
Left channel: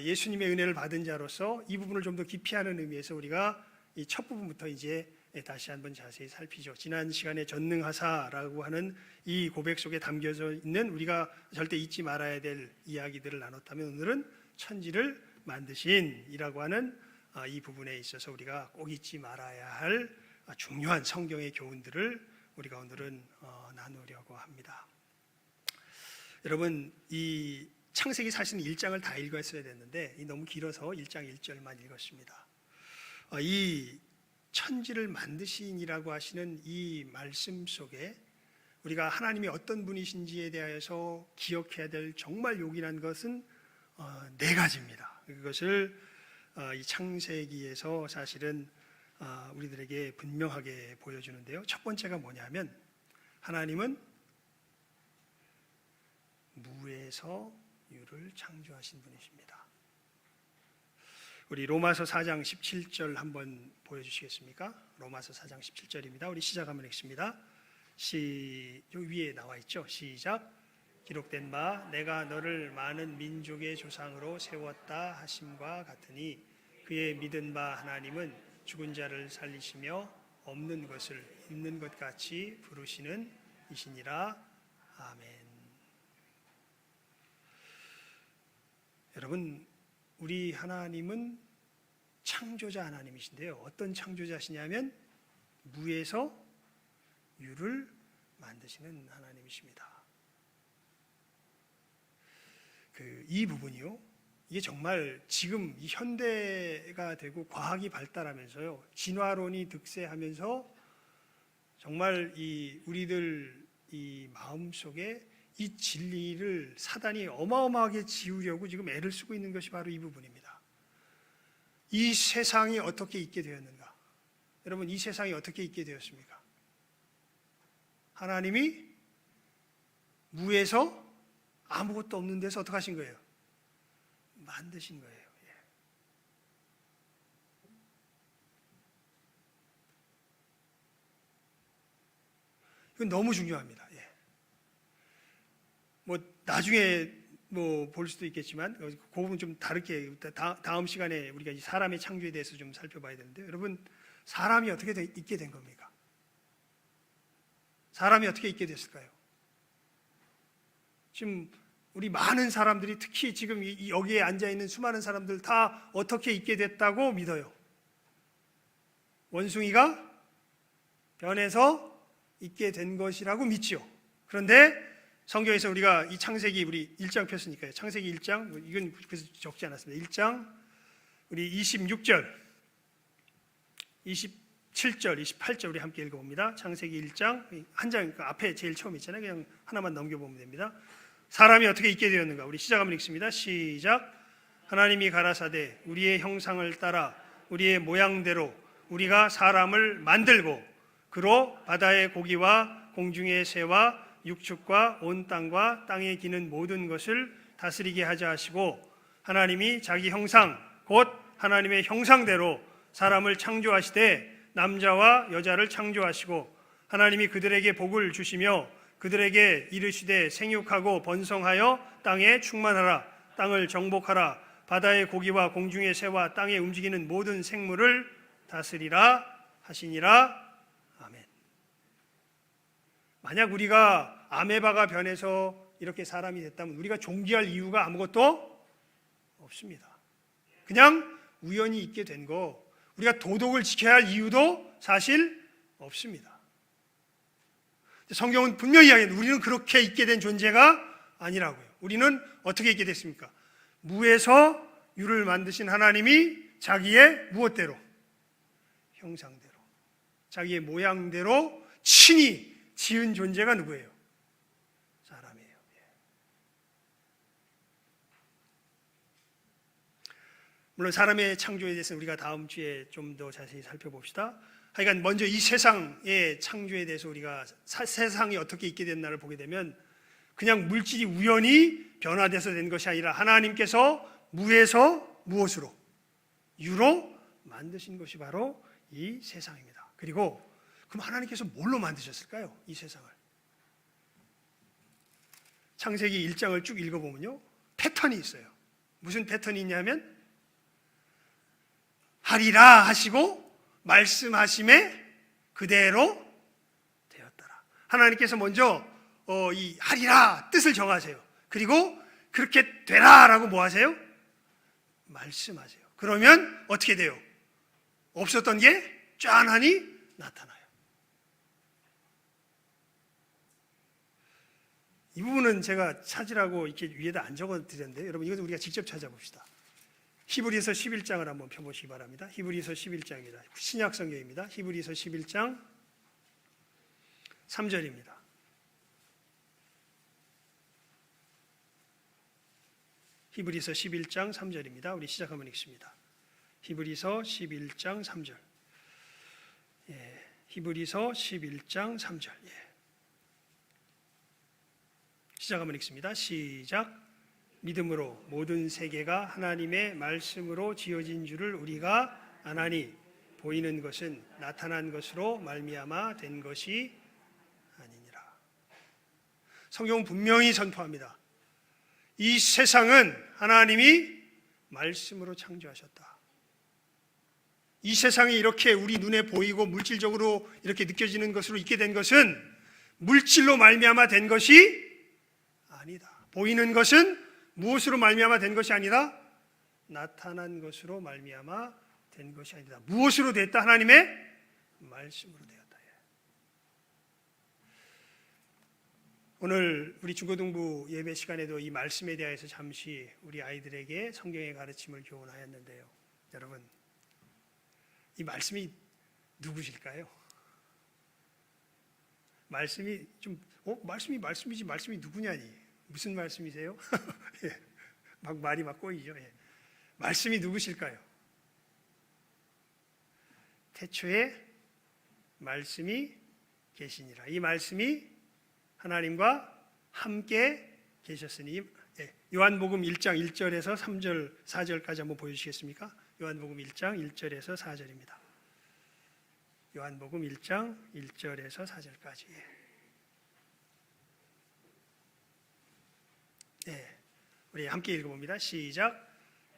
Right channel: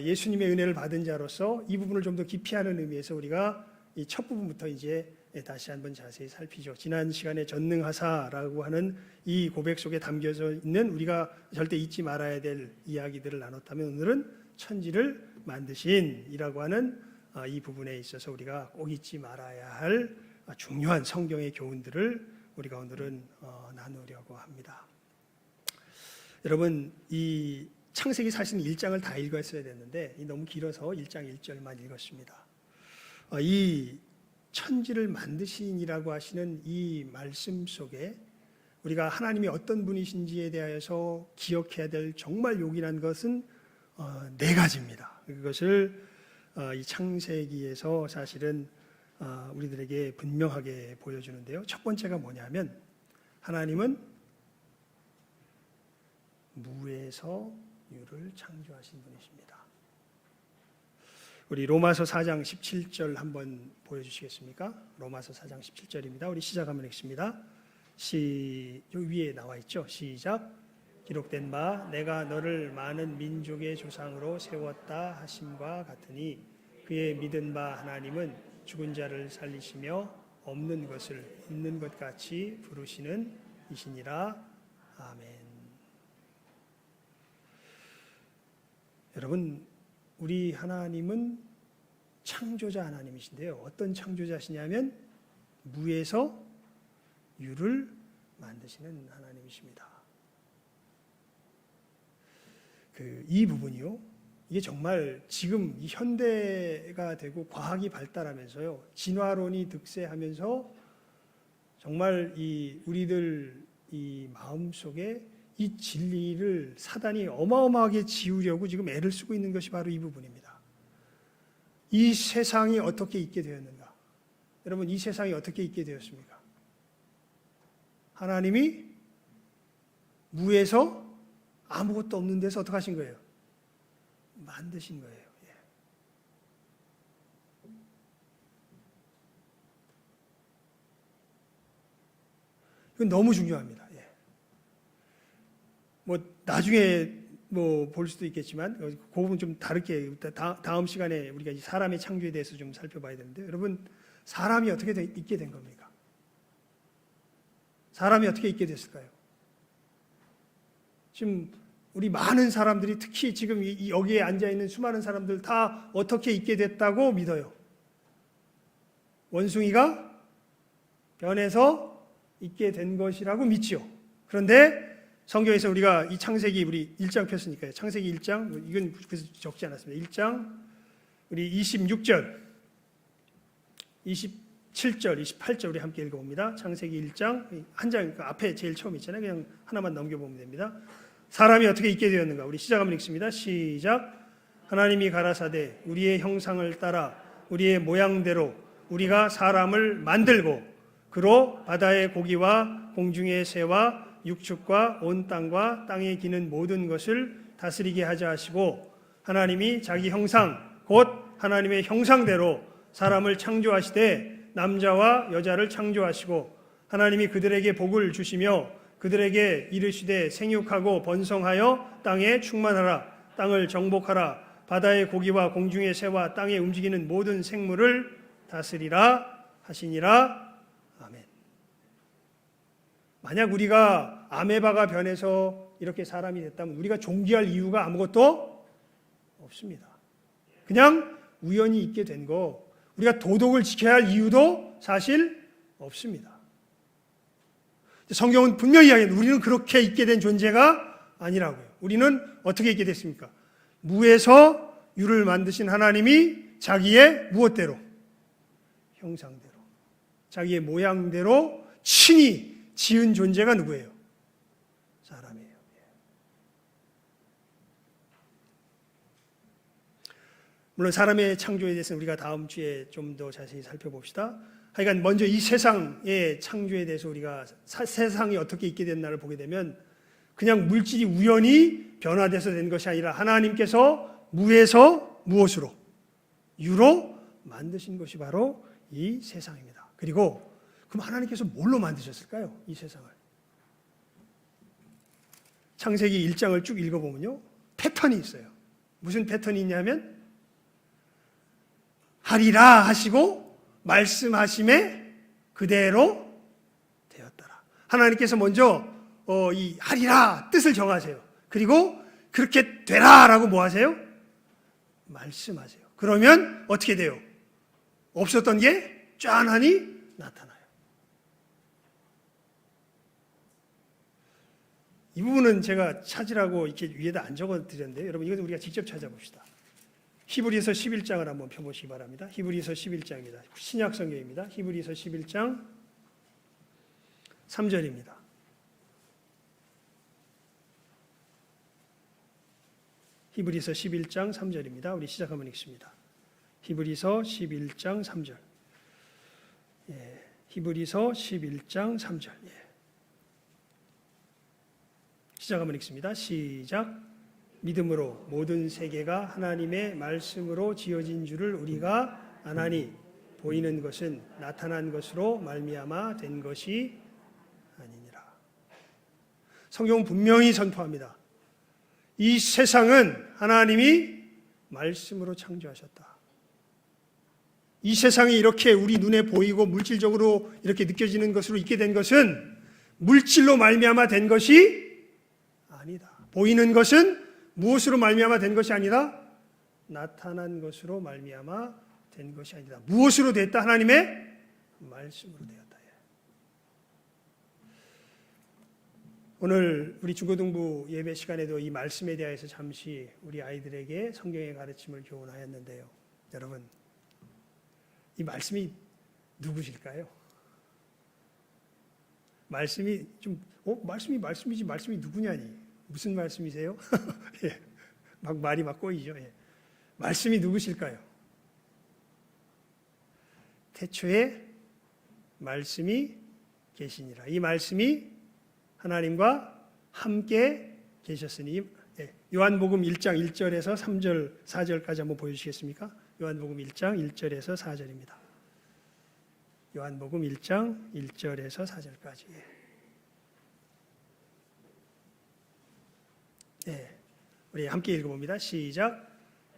예수님의 은혜를 받은 자로서 이 부분을 좀 더 깊이 하는 의미에서 우리가 이 첫 부분부터 이제 다시 한번 자세히 살피죠. 지난 시간에 전능하사라고 하는 이 고백 속에 담겨져 있는 우리가 절대 잊지 말아야 될 이야기들을 나눴다면, 오늘은 천지를 만드신이라고 하는 이 부분에 있어서 우리가 꼭 잊지 말아야 할 중요한 성경의 교훈들을 우리가 오늘은 나누려고 합니다. 여러분, 이 창세기 사실 1장을 다 읽었어야 됐는데 너무 길어서 1장 1절만 읽었습니다. 이 천지를 만드신이라고 하시는 이 말씀 속에 우리가 하나님이 어떤 분이신지에 대하여서 기억해야 될 정말 요긴한 것은 네 가지입니다. 그것을 이 창세기에서 사실은 우리들에게 분명하게 보여주는데요. 첫 번째가 뭐냐면, 하나님은 무에서 유를 창조하신 분이십니다. 우리 로마서 4장 17절 한번 보여주시겠습니까? 로마서 4장 17절입니다. 우리 시작하면 읽습니다. 여기 위에 나와 있죠. 시작. 기록된 바 내가 너를 많은 민족의 조상으로 세웠다 하심과 같으니 그의 믿은 바 하나님은 죽은 자를 살리시며 없는 것을 있는 것 같이 부르시는 이시니라. 아멘. 여러분, 우리 하나님은 창조자 하나님이신데요. 어떤 창조자시냐면 무에서 유를 만드시는 하나님이십니다. 이 부분이요, 이게 정말 지금 이 현대가 되고 과학이 발달하면서요, 진화론이 득세하면서 정말 우리들 이 마음 속에 이 진리를 사단이 어마어마하게 지우려고 지금 애를 쓰고 있는 것이 바로 이 부분입니다. 이 세상이 어떻게 있게 되었는가? 여러분, 이 세상이 어떻게 있게 되었습니까? 하나님이 무에서 아무것도 없는 데서 어떻게 하신 거예요? 만드신 거예요. 이건 너무 중요합니다. 나중에 볼 수도 있겠지만 그 부분 좀 다르게 다음 시간에 우리가 이 사람의 창조에 대해서 좀 살펴봐야 되는데, 여러분, 사람이 어떻게 있게 된 겁니까? 사람이 어떻게 있게 됐을까요? 지금 우리 많은 사람들이 특히 지금 여기에 앉아있는 수많은 사람들 다 어떻게 있게 됐다고 믿어요? 원숭이가 변해서 있게 된 것이라고 믿죠. 그런데 성경에서 우리가 이 창세기 우리 1장 폈으니까요. 창세기 1장, 이건 그래서 적지 않았습니다. 1장 우리 26절, 27절, 28절 우리 함께 읽어봅니다. 창세기 1장 한 장 앞에 제일 처음 있잖아요. 그냥 하나만 넘겨보면 됩니다. 사람이 어떻게 있게 되었는가? 우리 시작 한번 읽습니다. 시작. 하나님이 가라사대 우리의 형상을 따라 우리의 모양대로 우리가 사람을 만들고 그로 바다의 고기와 공중의 새와 육축과 온 땅과 땅에 기는 모든 것을 다스리게 하자 하시고 하나님이 자기 형상 곧 하나님의 형상대로 사람을 창조하시되 남자와 여자를 창조하시고 하나님이 그들에게 복을 주시며 그들에게 이르시되 생육하고 번성하여 땅에 충만하라 땅을 정복하라 바다의 고기와 공중의 새와 땅에 움직이는 모든 생물을 다스리라 하시니라. 아멘. 만약 우리가 아메바가 변해서 이렇게 사람이 됐다면 우리가 존귀할 이유가 아무것도 없습니다. 그냥 우연히 있게 된 거, 우리가 도덕을 지켜야 할 이유도 사실 없습니다. 성경은 분명히 이야기합니다. 우리는 그렇게 있게 된 존재가 아니라고요. 우리는 어떻게 있게 됐습니까? 무에서 유를 만드신 하나님이 자기의 무엇대로? 형상대로, 자기의 모양대로 친히 지은 존재가 누구예요? 사람이에요. 물론 사람의 창조에 대해서는 우리가 다음 주에 좀 더 자세히 살펴봅시다. 하여간 먼저 이 세상의 창조에 대해서 우리가 세상이 어떻게 있게 됐나를 보게 되면 그냥 물질이 우연히 변화돼서 된 것이 아니라 하나님께서 무에서 무엇으로? 유로 만드신 것이 바로 이 세상입니다. 그리고 그럼 하나님께서 뭘로 만드셨을까요? 이 세상을. 창세기 1장을 쭉 읽어보면요. 패턴이 있어요. 무슨 패턴이 있냐면 하리라 하시고 말씀하심에 그대로 되었더라. 하나님께서 먼저 이 하리라 뜻을 정하세요. 그리고 그렇게 되라라고 뭐 하세요? 말씀하세요. 그러면 어떻게 돼요? 없었던 게 짠하니 나타나요. 이 부분은 제가 찾으라고 이렇게 위에다 안 적어드렸는데요. 여러분 이것은 우리가 직접 찾아봅시다. 히브리서 11장을 한번 펴보시기 바랍니다. 히브리서 11장입니다. 신약 성경입니다. 히브리서 11장 3절입니다. 히브리서 11장 3절입니다. 우리 시작 한번 읽습니다. 히브리서 11장 3절. 히브리서 11장 3절. 시작 한번 읽습니다. 시작. 믿음으로 모든 세계가 하나님의 말씀으로 지어진 줄을 우리가 아나니 보이는 것은 나타난 것으로 말미암아 된 것이 아니니라. 성경은 분명히 선포합니다. 이 세상은 하나님이 말씀으로 창조하셨다. 이 세상이 이렇게 우리 눈에 보이고 물질적으로 이렇게 느껴지는 것으로 있게 된 것은 물질로 말미암아 된 것이 아니다. 보이는 것은 무엇으로 말미암아 된 것이 아니라 나타난 것으로 말미암아 된 것이 아니다. 무엇으로 됐다? 하나님의 말씀으로 되었다. 오늘 우리 중고등부 예배 시간에도 이 말씀에 대해서 잠시 우리 아이들에게 성경의 가르침을 교훈하였는데요. 여러분, 이 말씀이 누구실까요? 말씀이 좀 말씀이 말씀이지 말씀이 누구냐니? 무슨 말씀이세요? 예, 말이 막 꼬이죠. 예. 말씀이 누구실까요? 태초에 말씀이 계시니라. 이 말씀이 하나님과 함께 계셨으니. 예. 요한복음 1장 1절에서 3절 4절까지 한번 보여주시겠습니까? 요한복음 1장 1절에서 4절입니다. 요한복음 1장 1절에서 4절까지. 네, 우리 함께 읽어봅니다. 시작.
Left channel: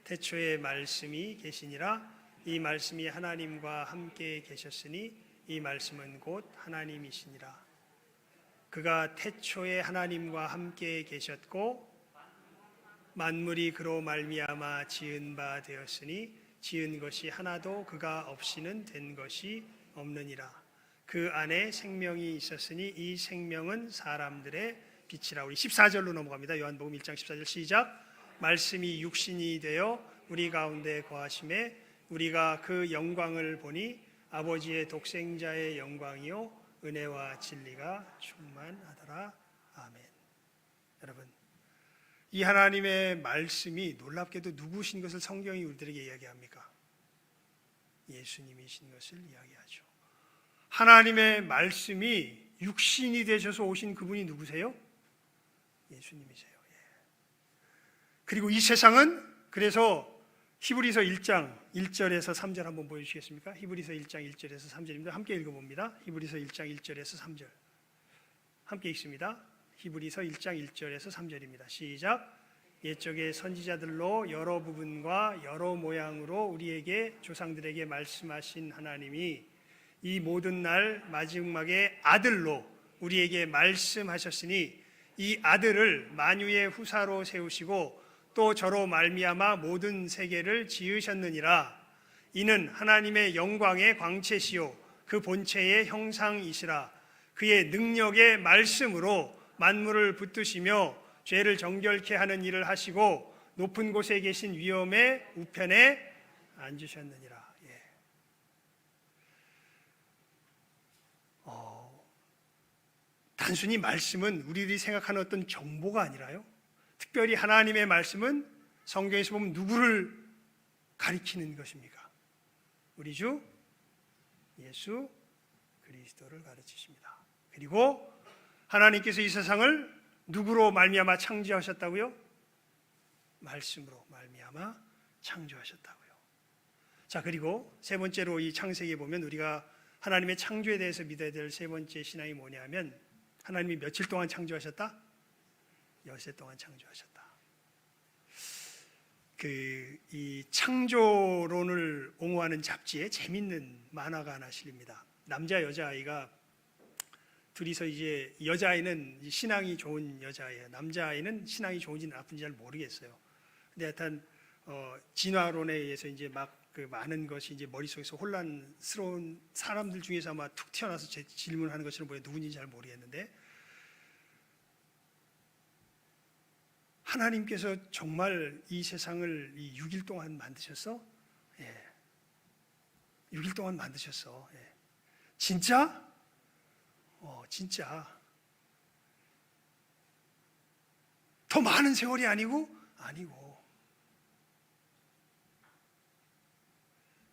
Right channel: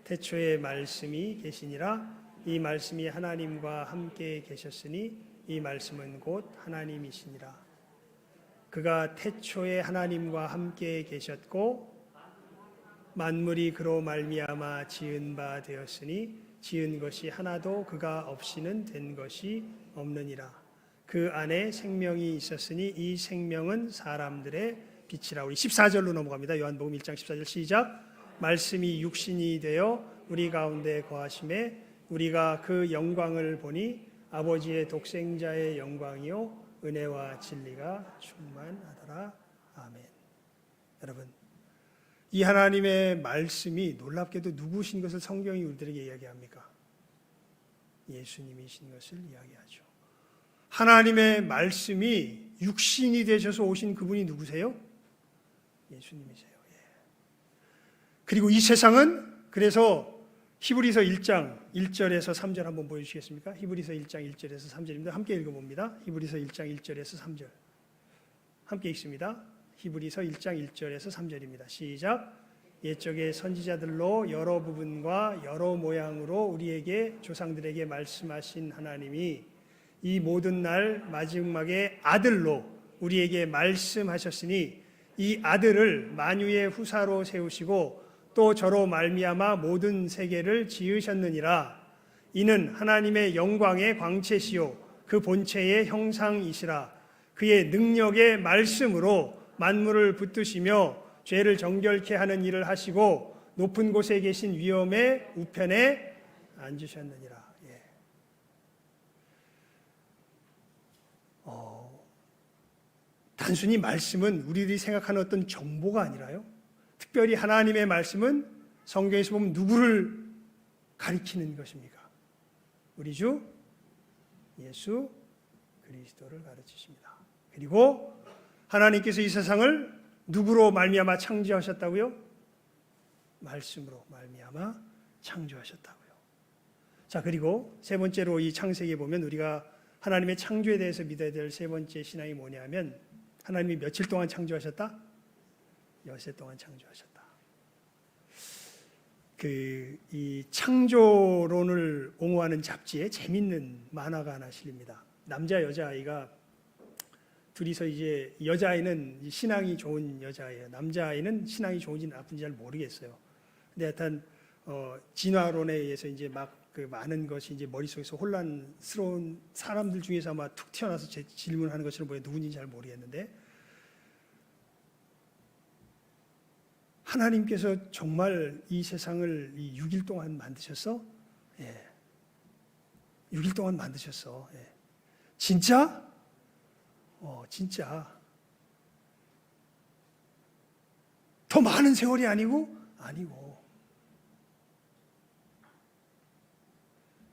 태초에 말씀이 계시니라. 이 말씀이 하나님과 함께 계셨으니 이 말씀은 곧 하나님이시니라. 그가 태초에 하나님과 함께 계셨고 만물이 그로 말미암아 지은 바 되었으니 지은 것이 하나도 그가 없이는 된 것이 없느니라. 그 안에 생명이 있었으니 이 생명은 사람들의 빛이라. 우리 14절로 넘어갑니다. 요한복음 1장 14절 시작. 말씀이 육신이 되어 우리 가운데 거하심에 우리가 그 영광을 보니 아버지의 독생자의 영광이요 은혜와 진리가 충만하더라. 아멘. 여러분, 이 하나님의 말씀이 놀랍게도 누구신 것을 성경이 우리들에게 이야기합니까? 예수님이신 것을 이야기하죠. 하나님의 말씀이 육신이 되셔서 오신 그분이 누구세요? 예수님이세요. 그리고 이 세상은, 그래서 히브리서 1장 1절에서 3절 한번 보여주시겠습니까? 히브리서 1장 1절에서 3절입니다. 함께 읽어봅니다. 히브리서 1장 1절에서 3절 함께 읽습니다. 히브리서 1장 1절에서 3절입니다. 시작. 옛적의 선지자들로 여러 부분과 여러 모양으로 우리에게 조상들에게 말씀하신 하나님이 이 모든 날 마지막에 아들로 우리에게 말씀하셨으니 이 아들을 만유의 후사로 세우시고 또 저로 말미암아 모든 세계를 지으셨느니라. 이는 하나님의 영광의 광채시요 그 본체의 형상이시라. 그의 능력의 말씀으로 만물을 붙드시며 죄를 정결케 하는 일을 하시고 높은 곳에 계신 위엄의 우편에 앉으셨느니라. 단순히 말씀은 우리들이 생각하는 어떤 정보가 아니라요, 특별히 하나님의 말씀은 성경에서 보면 누구를 가리키는 것입니까? 우리 주 예수 그리스도를 가르치십니다. 그리고 하나님께서 이 세상을 누구로 말미암아 창조하셨다고요? 말씀으로 말미암아 창조하셨다고요. 자, 그리고 세 번째로 이 창세기에 보면 우리가 하나님의 창조에 대해서 믿어야 될 세 번째 신앙이 뭐냐면, 하나님이 며칠 동안 창조하셨다? 엿새 동안 창조하셨다. 이 창조론을 옹호하는 잡지에 재밌는 만화가 하나 실립니다. 남자 여자아이가 둘이서, 이제 여자아이는 신앙이 좋은 여자아이예요. 남자아이는 신앙이 좋은지 나쁜지 잘 모르겠어요. 근데 하여튼 진화론에 의해서 이제 막 그 많은 것이 이제 머릿속에서 혼란스러운 사람들 중에서 아마 툭 튀어나와서 제 질문하는 것처럼 보여. 누군지 잘 모르겠는데, 하나님께서 정말 이 세상을 이 6일 동안 만드셨어? 예. 6일 동안 만드셨어. 예. 진짜? 진짜. 더 많은 세월이 아니고? 아니고.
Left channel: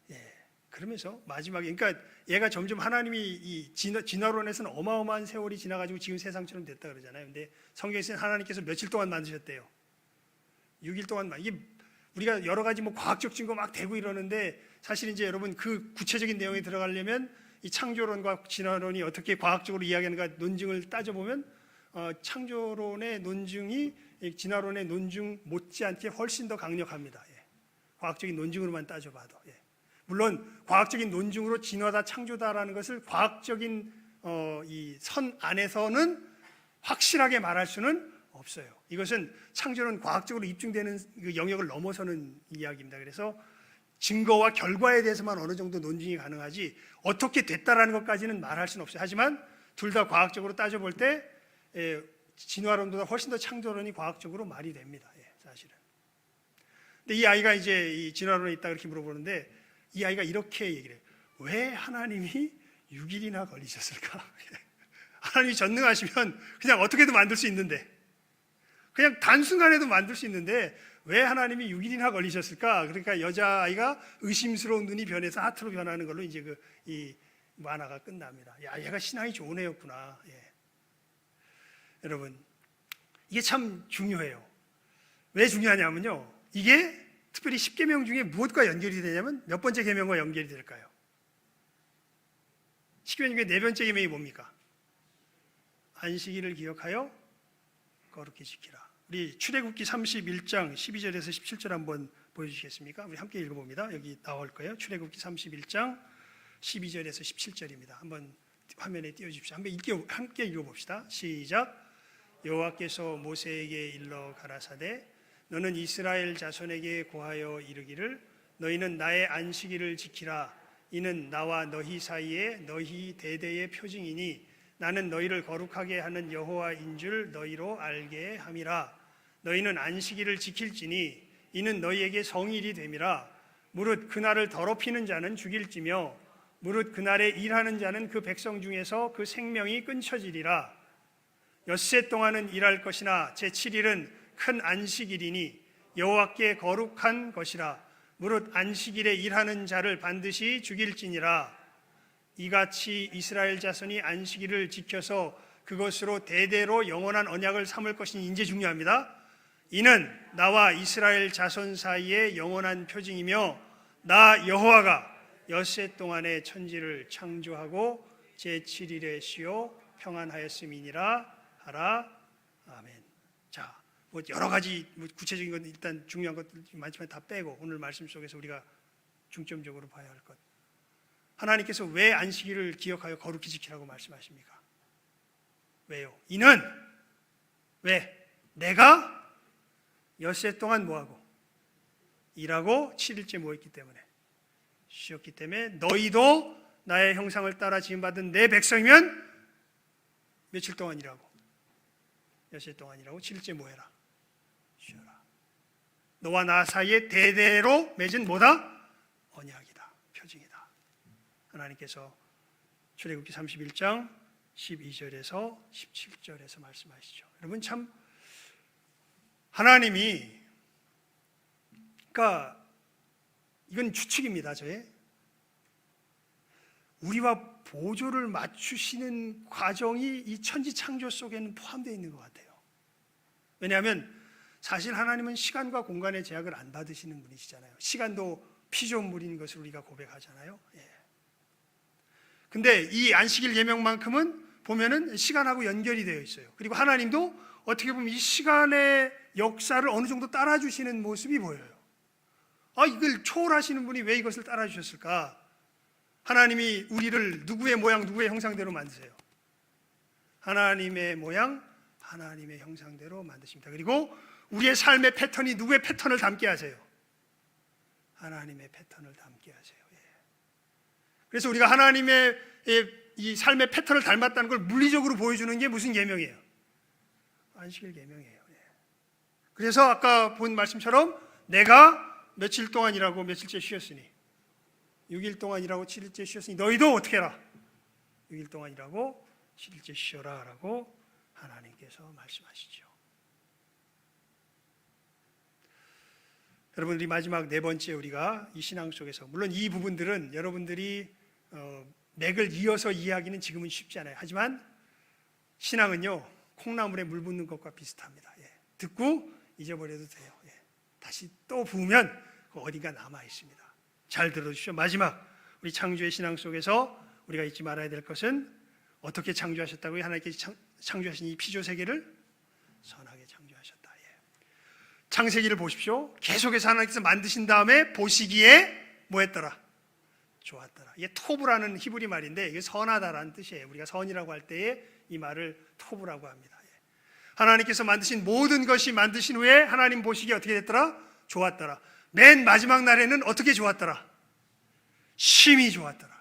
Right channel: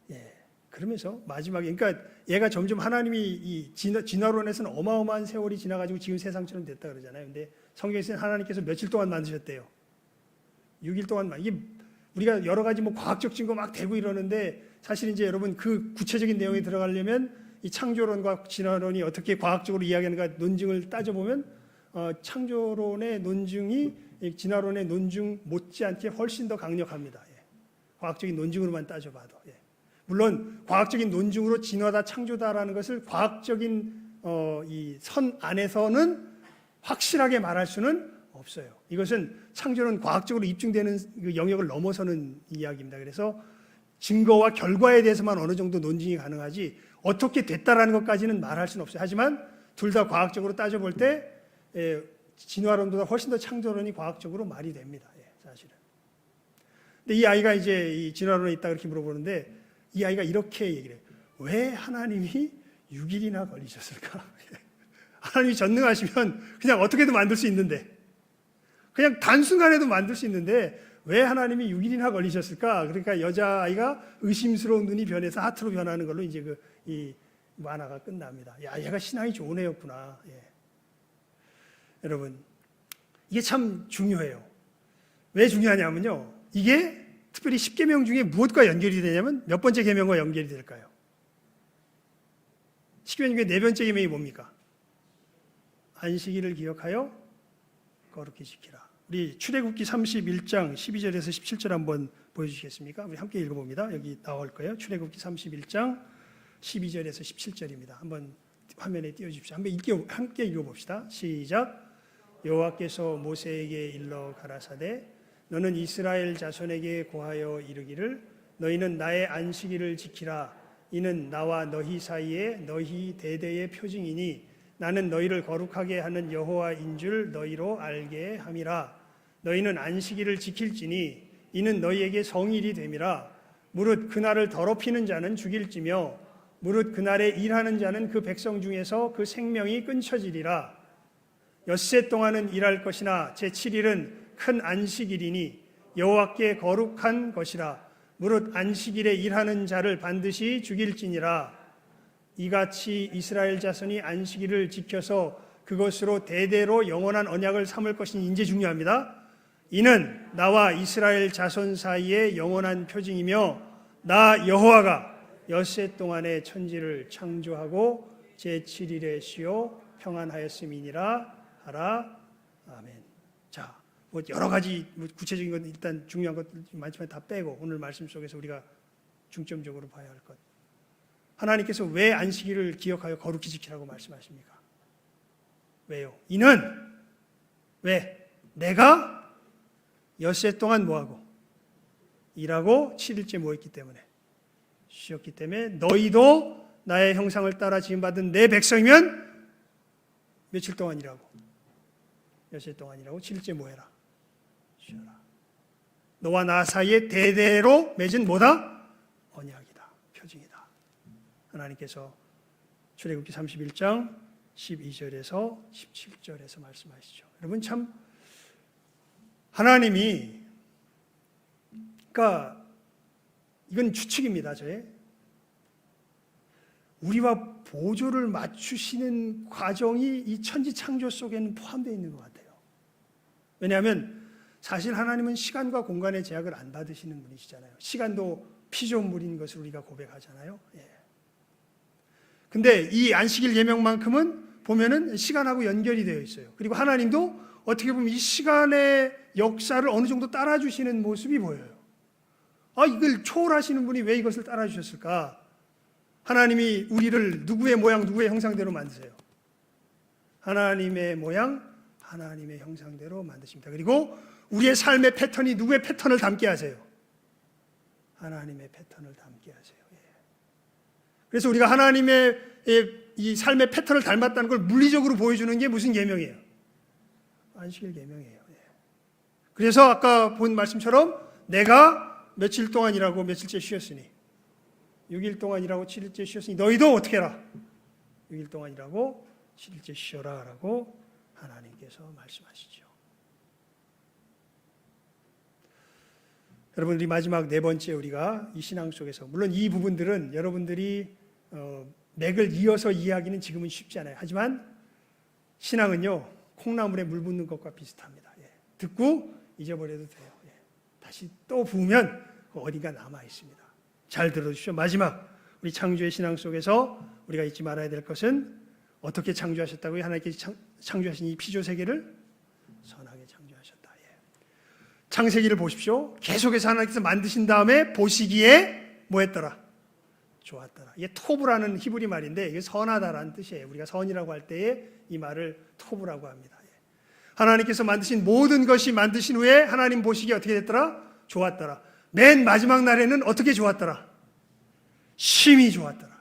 예. 그러면서 마지막에, 그러니까 얘가 점점 하나님이 이 진화론에서는 어마어마한 세월이 지나가지고 지금 세상처럼 됐다 그러잖아요. 근데 성경에서는 하나님께서 며칠 동안 만드셨대요? 6일 동안. 이게 우리가 여러 가지 뭐 과학적 증거 막 대고 이러는데, 사실 이제 여러분 그 구체적인 내용에 들어가려면 이 창조론과 진화론이 어떻게 과학적으로 이야기하는가 논증을 따져보면 창조론의 논증이 진화론의 논증 못지않게 훨씬 더 강력합니다. 예. 과학적인 논증으로만 따져봐도. 예. 물론 과학적인 논증으로 진화다 창조다라는 것을 과학적인 이 선 안에서는 확실하게 말할 수는 없어요. 이것은 창조는 과학적으로 입증되는 그 영역을 넘어서는 이야기입니다. 그래서 증거와 결과에 대해서만 어느 정도 논증이 가능하지 어떻게 됐다라는 것까지는 말할 수는 없어요. 하지만 둘 다 과학적으로 따져볼 때 진화론보다 훨씬 더 창조론이 과학적으로 말이 됩니다. 사실은. 근데 이 아이가 이제 이 진화론에 있다 그렇게 물어보는데, 이 아이가 이렇게 얘기를 해요. 왜 하나님이 6일이나 걸리셨을까? 하나님이 전능하시면 그냥 어떻게든 만들 수 있는데, 그냥 단순간에도 만들 수 있는데 왜 하나님이 6일이나 걸리셨을까? 그러니까 여자아이가 의심스러운 눈이 변해서 하트로 변하는 걸로 이제 이 만화가 끝납니다. 야, 얘가 신앙이 좋은 애였구나. 예. 여러분, 이게 참 중요해요. 왜 중요하냐면요, 이게 특별히 10계명 중에 무엇과 연결이 되냐면 몇 번째 계명과 연결이 될까요? 10계명 중에 네 번째 계명이 뭡니까? 안식일을 기억하여 거룩히 지키라. 우리 출애굽기 31장 12절에서 17절 한번 보여주시겠습니까? 우리 함께 읽어봅니다. 여기 나올 거예요. 출애굽기 31장 12절에서 17절입니다. 한번 화면에 띄워주십시오. 함께 읽어봅시다. 시작. 여호와께서 모세에게 일러 가라사대 너는 이스라엘 자손에게 고하여 이르기를 너희는 나의 안식일을 지키라. 이는 나와 너희 사이에 너희 대대의 표징이니 나는 너희를 거룩하게 하는 여호와인 줄 너희로 알게 함이라. 너희는 안식일을 지킬지니 이는 너희에게 성일이 됨이라. 무릇 그날을 더럽히는 자는 죽일지며 무릇 그날에 일하는 자는 그 백성 중에서 그 생명이 끊쳐지리라. 엿새 동안은 일할 것이나 제7일은 큰 안식일이니 여호와께 거룩한 것이라. 무릇 안식일에 일하는 자를 반드시 죽일지니라. 이같이 이스라엘 자손이 안식일을 지켜서 그것으로 대대로 영원한 언약을 삼을 것이니 이제 중요합니다. 이는 나와 이스라엘 자손 사이에 영원한 표징이며 나 여호와가 엿새 동안에 천지를 창조하고 제7일에 쉬어 평안하였음이니라 하라. 아멘. 자, 뭐 여러 가지 구체적인 건 일단 중요한 것들 많지만 다 빼고 오늘 말씀 속에서 우리가 중점적으로 봐야 할 것. 하나님께서 왜 안식일을 기억하여 거룩히 지키라고 말씀하십니까? 왜요? 이는 왜? 내가 엿새 동안 뭐하고? 일하고 7일째 모였기 때문에 쉬었기 때문에 너희도 나의 형상을 따라 지음받은 내 백성이면 며칠 동안 일하고 엿새 동안 일하고 7일째 모여라. 쉬어라. 너와 나 사이에 대대로 맺은 뭐다? 언약이다. 표징이다. 하나님께서 출애굽기 31장 12절에서 17절에서 말씀하시죠. 여러분 참 하나님이 그러니까 이건 추측입니다. 우리와 보조를 맞추시는 과정이 이 천지 창조 속에는 포함되어 있는 것 같아요. 왜냐하면 사실 하나님은 시간과 공간의 제약을 안 받으시는 분이시잖아요. 시간도 피조물인 것을 우리가 고백하잖아요. 근데 이 안식일 예명만큼은 보면은 시간하고 연결이 되어 있어요. 그리고 하나님도 어떻게 보면 이 시간의 역사를 어느 정도 따라주시는 모습이 보여요. 이걸 초월하시는 분이 왜 이것을 따라주셨을까? 하나님이 우리를 누구의 모양, 누구의 형상대로 만드세요? 하나님의 모양, 하나님의 형상대로 만드십니다. 그리고 우리의 삶의 패턴이 누구의 패턴을 담게 하세요? 하나님의 패턴을 담게 하세요. 그래서 우리가 하나님의 이 삶의 패턴을 닮았다는 걸 물리적으로 보여주는 게 무슨 계명이에요? 안식일 계명이에요. 그래서 아까 본 말씀처럼 내가 며칠 동안 일하고 며칠째 쉬었으니 6일 동안 일하고 7일째 쉬었으니 너희도 어떻게 해라? 6일 동안 일하고 7일째 쉬어라 라고 하나님께서 말씀하시죠. 여러분 우리 마지막 네 번째 우리가 이 신앙 속에서 물론 이 부분들은 여러분들이 맥을 이어서 이해하기는 지금은 쉽지 않아요. 하지만 신앙은요 콩나물에 물 붓는 것과 비슷합니다. 듣고 잊어버려도 돼요. 다시 또 부으면 어디가 남아 있습니다. 잘 들어주십시오. 마지막 우리 창조의 신앙 속에서 우리가 잊지 말아야 될 것은 어떻게 창조하셨다고요? 하나님께서 창조하신 이 피조 세계를 선하게 창조하셨다. 창세기를 보십시오. 계속해서 하나님께서 만드신 다음에 보시기에 뭐 했더라? 좋았더라. 이게 토브라는 히브리 말인데 이게 선하다라는 뜻이에요. 우리가 선이라고 할 때에 이 말을 토브라고 합니다. 하나님께서 만드신 모든 것이 만드신 후에 하나님 보시기에 어떻게 됐더라? 좋았더라. 맨 마지막 날에는 어떻게 좋았더라? 심히 좋았더라.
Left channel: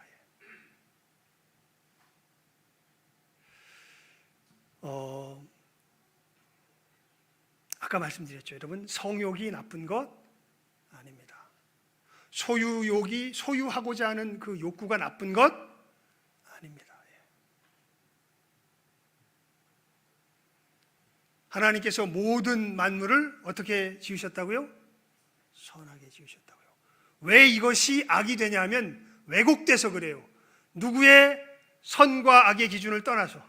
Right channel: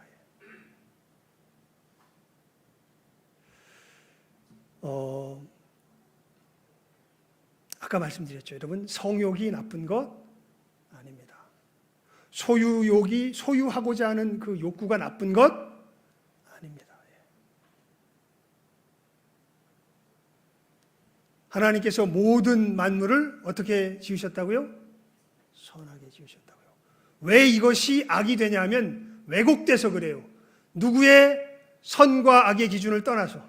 아까 말씀드렸죠. 여러분 성욕이 나쁜 것 아닙니다. 소유하고자 하는 그 욕구가 나쁜 것 아닙니다. 하나님께서 모든 만물을 어떻게 지으셨다고요? 선하게 지으셨다고요. 왜 이것이 악이 되냐면 왜곡돼서 그래요. 누구의 선과 악의 기준을 떠나서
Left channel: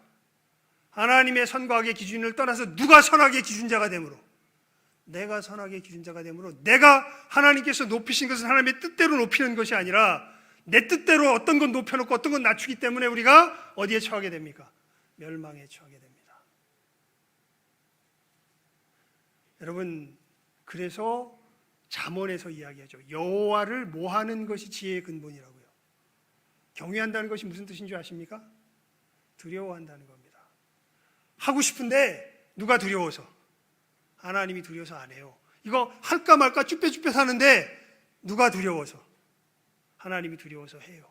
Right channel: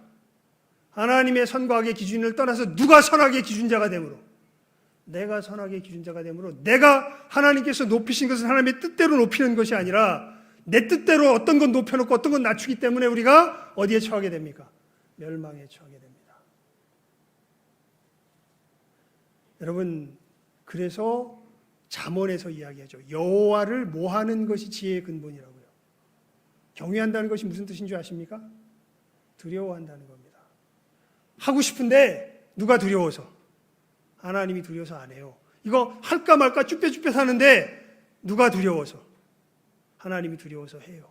하나님의 선과 악의 기준을 떠나서 누가 선악의 기준자가 되므로 내가 선악의 기준자가 되므로 내가 하나님께서 높이신 것은 하나님의 뜻대로 높이는 것이 아니라 내 뜻대로 어떤 건 높여놓고 어떤 건 낮추기 때문에 우리가 어디에 처하게 됩니까? 멸망에 처하게 됩니다. 여러분 그래서 잠언에서 이야기하죠. 여호와를 모하는 것이 지혜의 근본이라고요. 경외한다는 것이 무슨 뜻인 줄 아십니까? 두려워한다는 겁니다. 하고 싶은데 누가 두려워서? 하나님이 두려워서 안 해요. 이거 할까 말까 쭈뼛쭈뼛 하는데 누가 두려워서? 하나님이 두려워서 해요.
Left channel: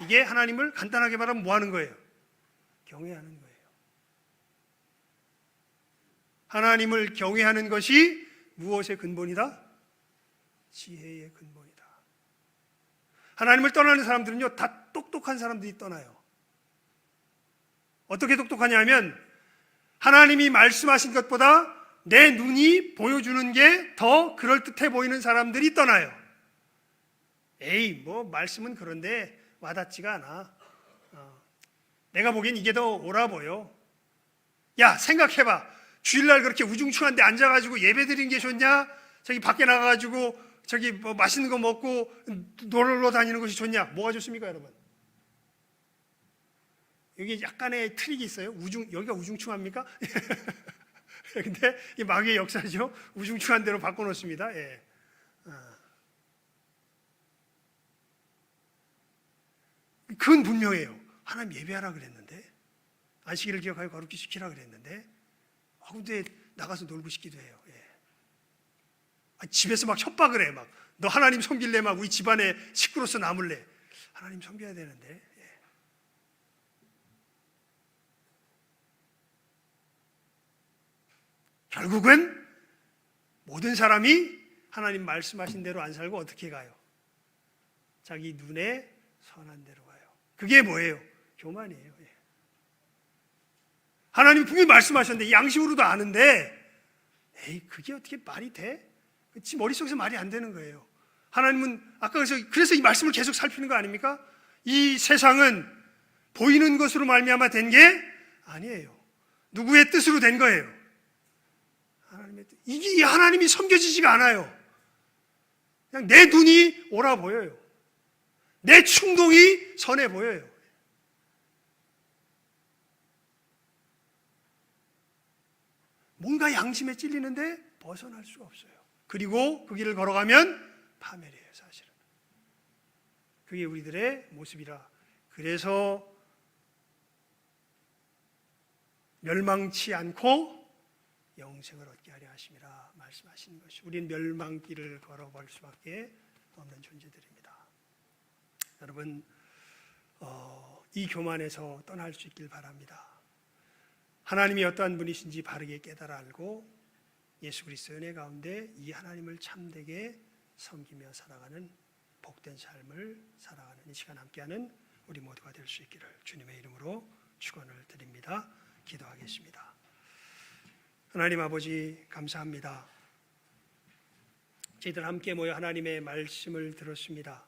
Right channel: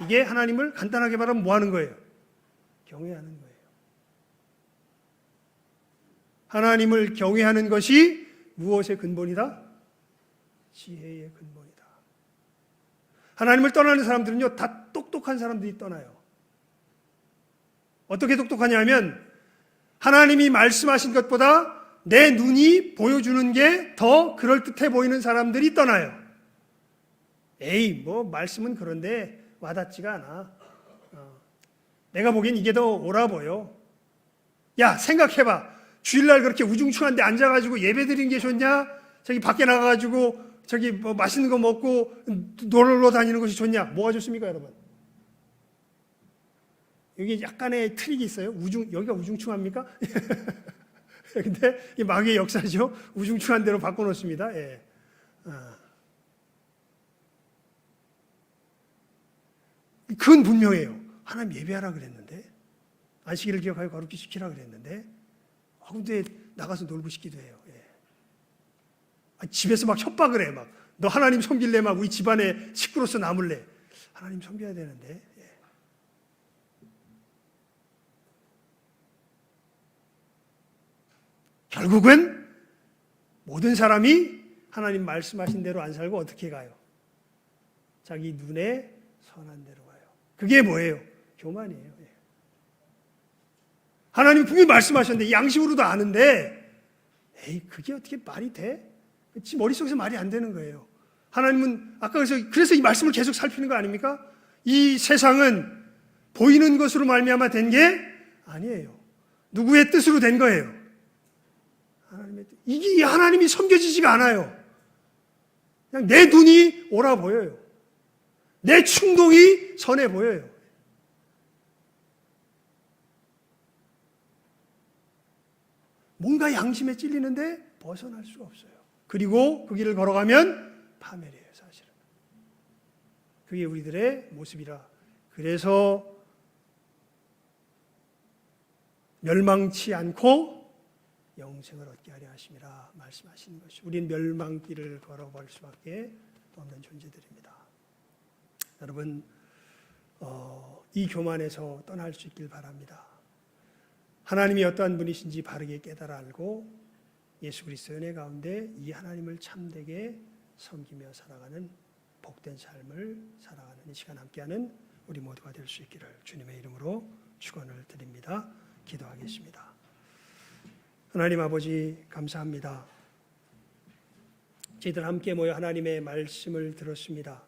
이게 하나님을 간단하게 말하면 뭐 하는 거예요? 경외하는 거예요. 하나님을 경외하는 것이 무엇의 근본이다? 지혜의 근본이다. 하나님을 떠나는 사람들은요, 다 똑똑한 사람들이 떠나요. 어떻게 똑똑하냐 하면 하나님이 말씀하신 것보다 내 눈이 보여주는 게 더 그럴듯해 보이는 사람들이 떠나요. 에이, 뭐 말씀은 그런데 와닿지가 않아. 내가 보기엔 이게 더 옳아 보여. 야, 생각해봐. 주일날 그렇게 우중충한데 앉아가지고 예배 드리는 게 좋냐? 저기 밖에 나가가지고 저기 뭐 맛있는 거 먹고 놀러 다니는 것이 좋냐? 뭐가 좋습니까, 여러분? 여기 약간의 트릭이 있어요. 여기가 우중충합니까? 근데 이 마귀의 역사죠. 우중충한 대로 바꿔놓습니다. 예. 그건 분명해요. 하나님 예배하라 그랬는데, 안식일을 기억하여 거룩히 지키라 그랬는데, 근데 나가서 놀고 싶기도 해요. 예. 집에서 막 협박을 해. 막 너 하나님 섬길래 막 우리 집안에 식구로서 남을래. 하나님 섬겨야 되는데. 예. 결국은 모든 사람이 하나님 말씀하신 대로 안 살고 어떻게 가요? 자기 눈에 선한 대로 가요. 그게 뭐예요? 교만이에요. 예. 하나님 분명히 말씀하셨는데 양심으로도 아는데 에이, 그게 어떻게 말이 돼? 지 머릿속에서 말이 안 되는 거예요. 하나님은 아까 그래서 이 말씀을 계속 살피는 거 아닙니까? 이 세상은 보이는 것으로 말미암아 된 게 아니에요. 누구의 뜻으로 된 거예요? 하나님의 뜻. 이게 하나님이 섬겨지지가 않아요. 그냥 내 눈이 옳아 보여요. 내 충동이 선해 보여요. 뭔가 양심에 찔리는데 벗어날 수가 없어요. 그리고 그 길을 걸어가면 파멸이에요, 사실은. 그게 우리들의 모습이라. 그래서 멸망치 않고 영생을 얻게 하려 하심이라 말씀하시는 것이. 우리는 멸망길을 걸어갈 수밖에 없는 존재들입니다. 여러분, 이 교만에서 떠날 수 있길 바랍니다. 하나님이 어떠한 분이신지 바르게 깨달아 알고 예수 그리스도의 은혜 가운데 이 하나님을 참되게 섬기며 살아가는 복된 삶을 살아가는 이 시간 함께하는 우리 모두가 될 수 있기를 주님의 이름으로 축원을 드립니다. 기도하겠습니다. 하나님 아버지 감사합니다. 저희들 함께 모여 하나님의 말씀을 들었습니다.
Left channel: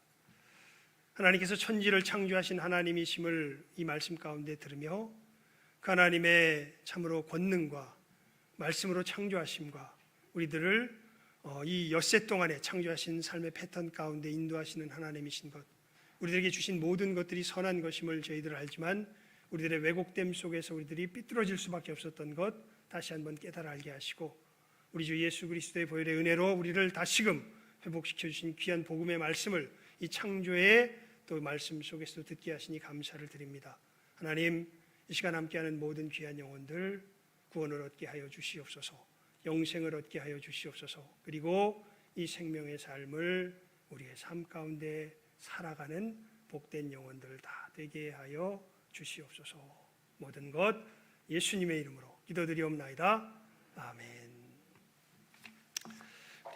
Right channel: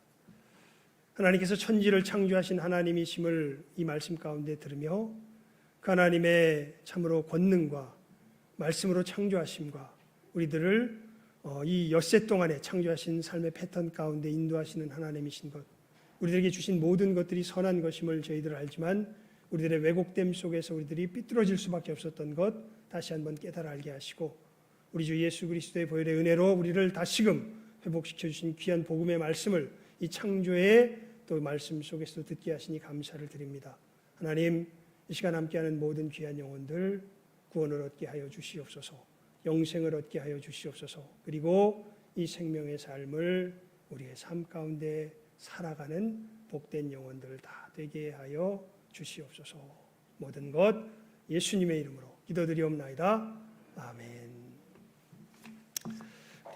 하나님께서 천지를 창조하신 하나님이심을 이 말씀 가운데 들으며 그 하나님의 참으로 권능과 말씀으로 창조하심과 우리들을 이 엿새 동안에 창조하신 삶의 패턴 가운데 인도하시는 하나님이신 것, 우리들에게 주신 모든 것들이 선한 것임을 저희들 알지만 우리들의 왜곡됨 속에서 우리들이 삐뚤어질 수밖에 없었던 것 다시 한번 깨달아 알게 하시고 우리 주 예수 그리스도의 보혈의 은혜로 우리를 다시금 회복시켜 주신 귀한 복음의 말씀을 이 창조의 또 말씀 속에서도 듣게 하시니 감사를 드립니다. 하나님, 이 시간 함께하는 모든 귀한 영혼들 구원을 얻게 하여 주시옵소서. 영생을 얻게 하여 주시옵소서. 그리고 이 생명의 삶을 우리의 삶 가운데 살아가는 복된 영혼들 다 되게 하여 주시옵소서. 모든 것 예수님의 이름으로 기도드리옵나이다.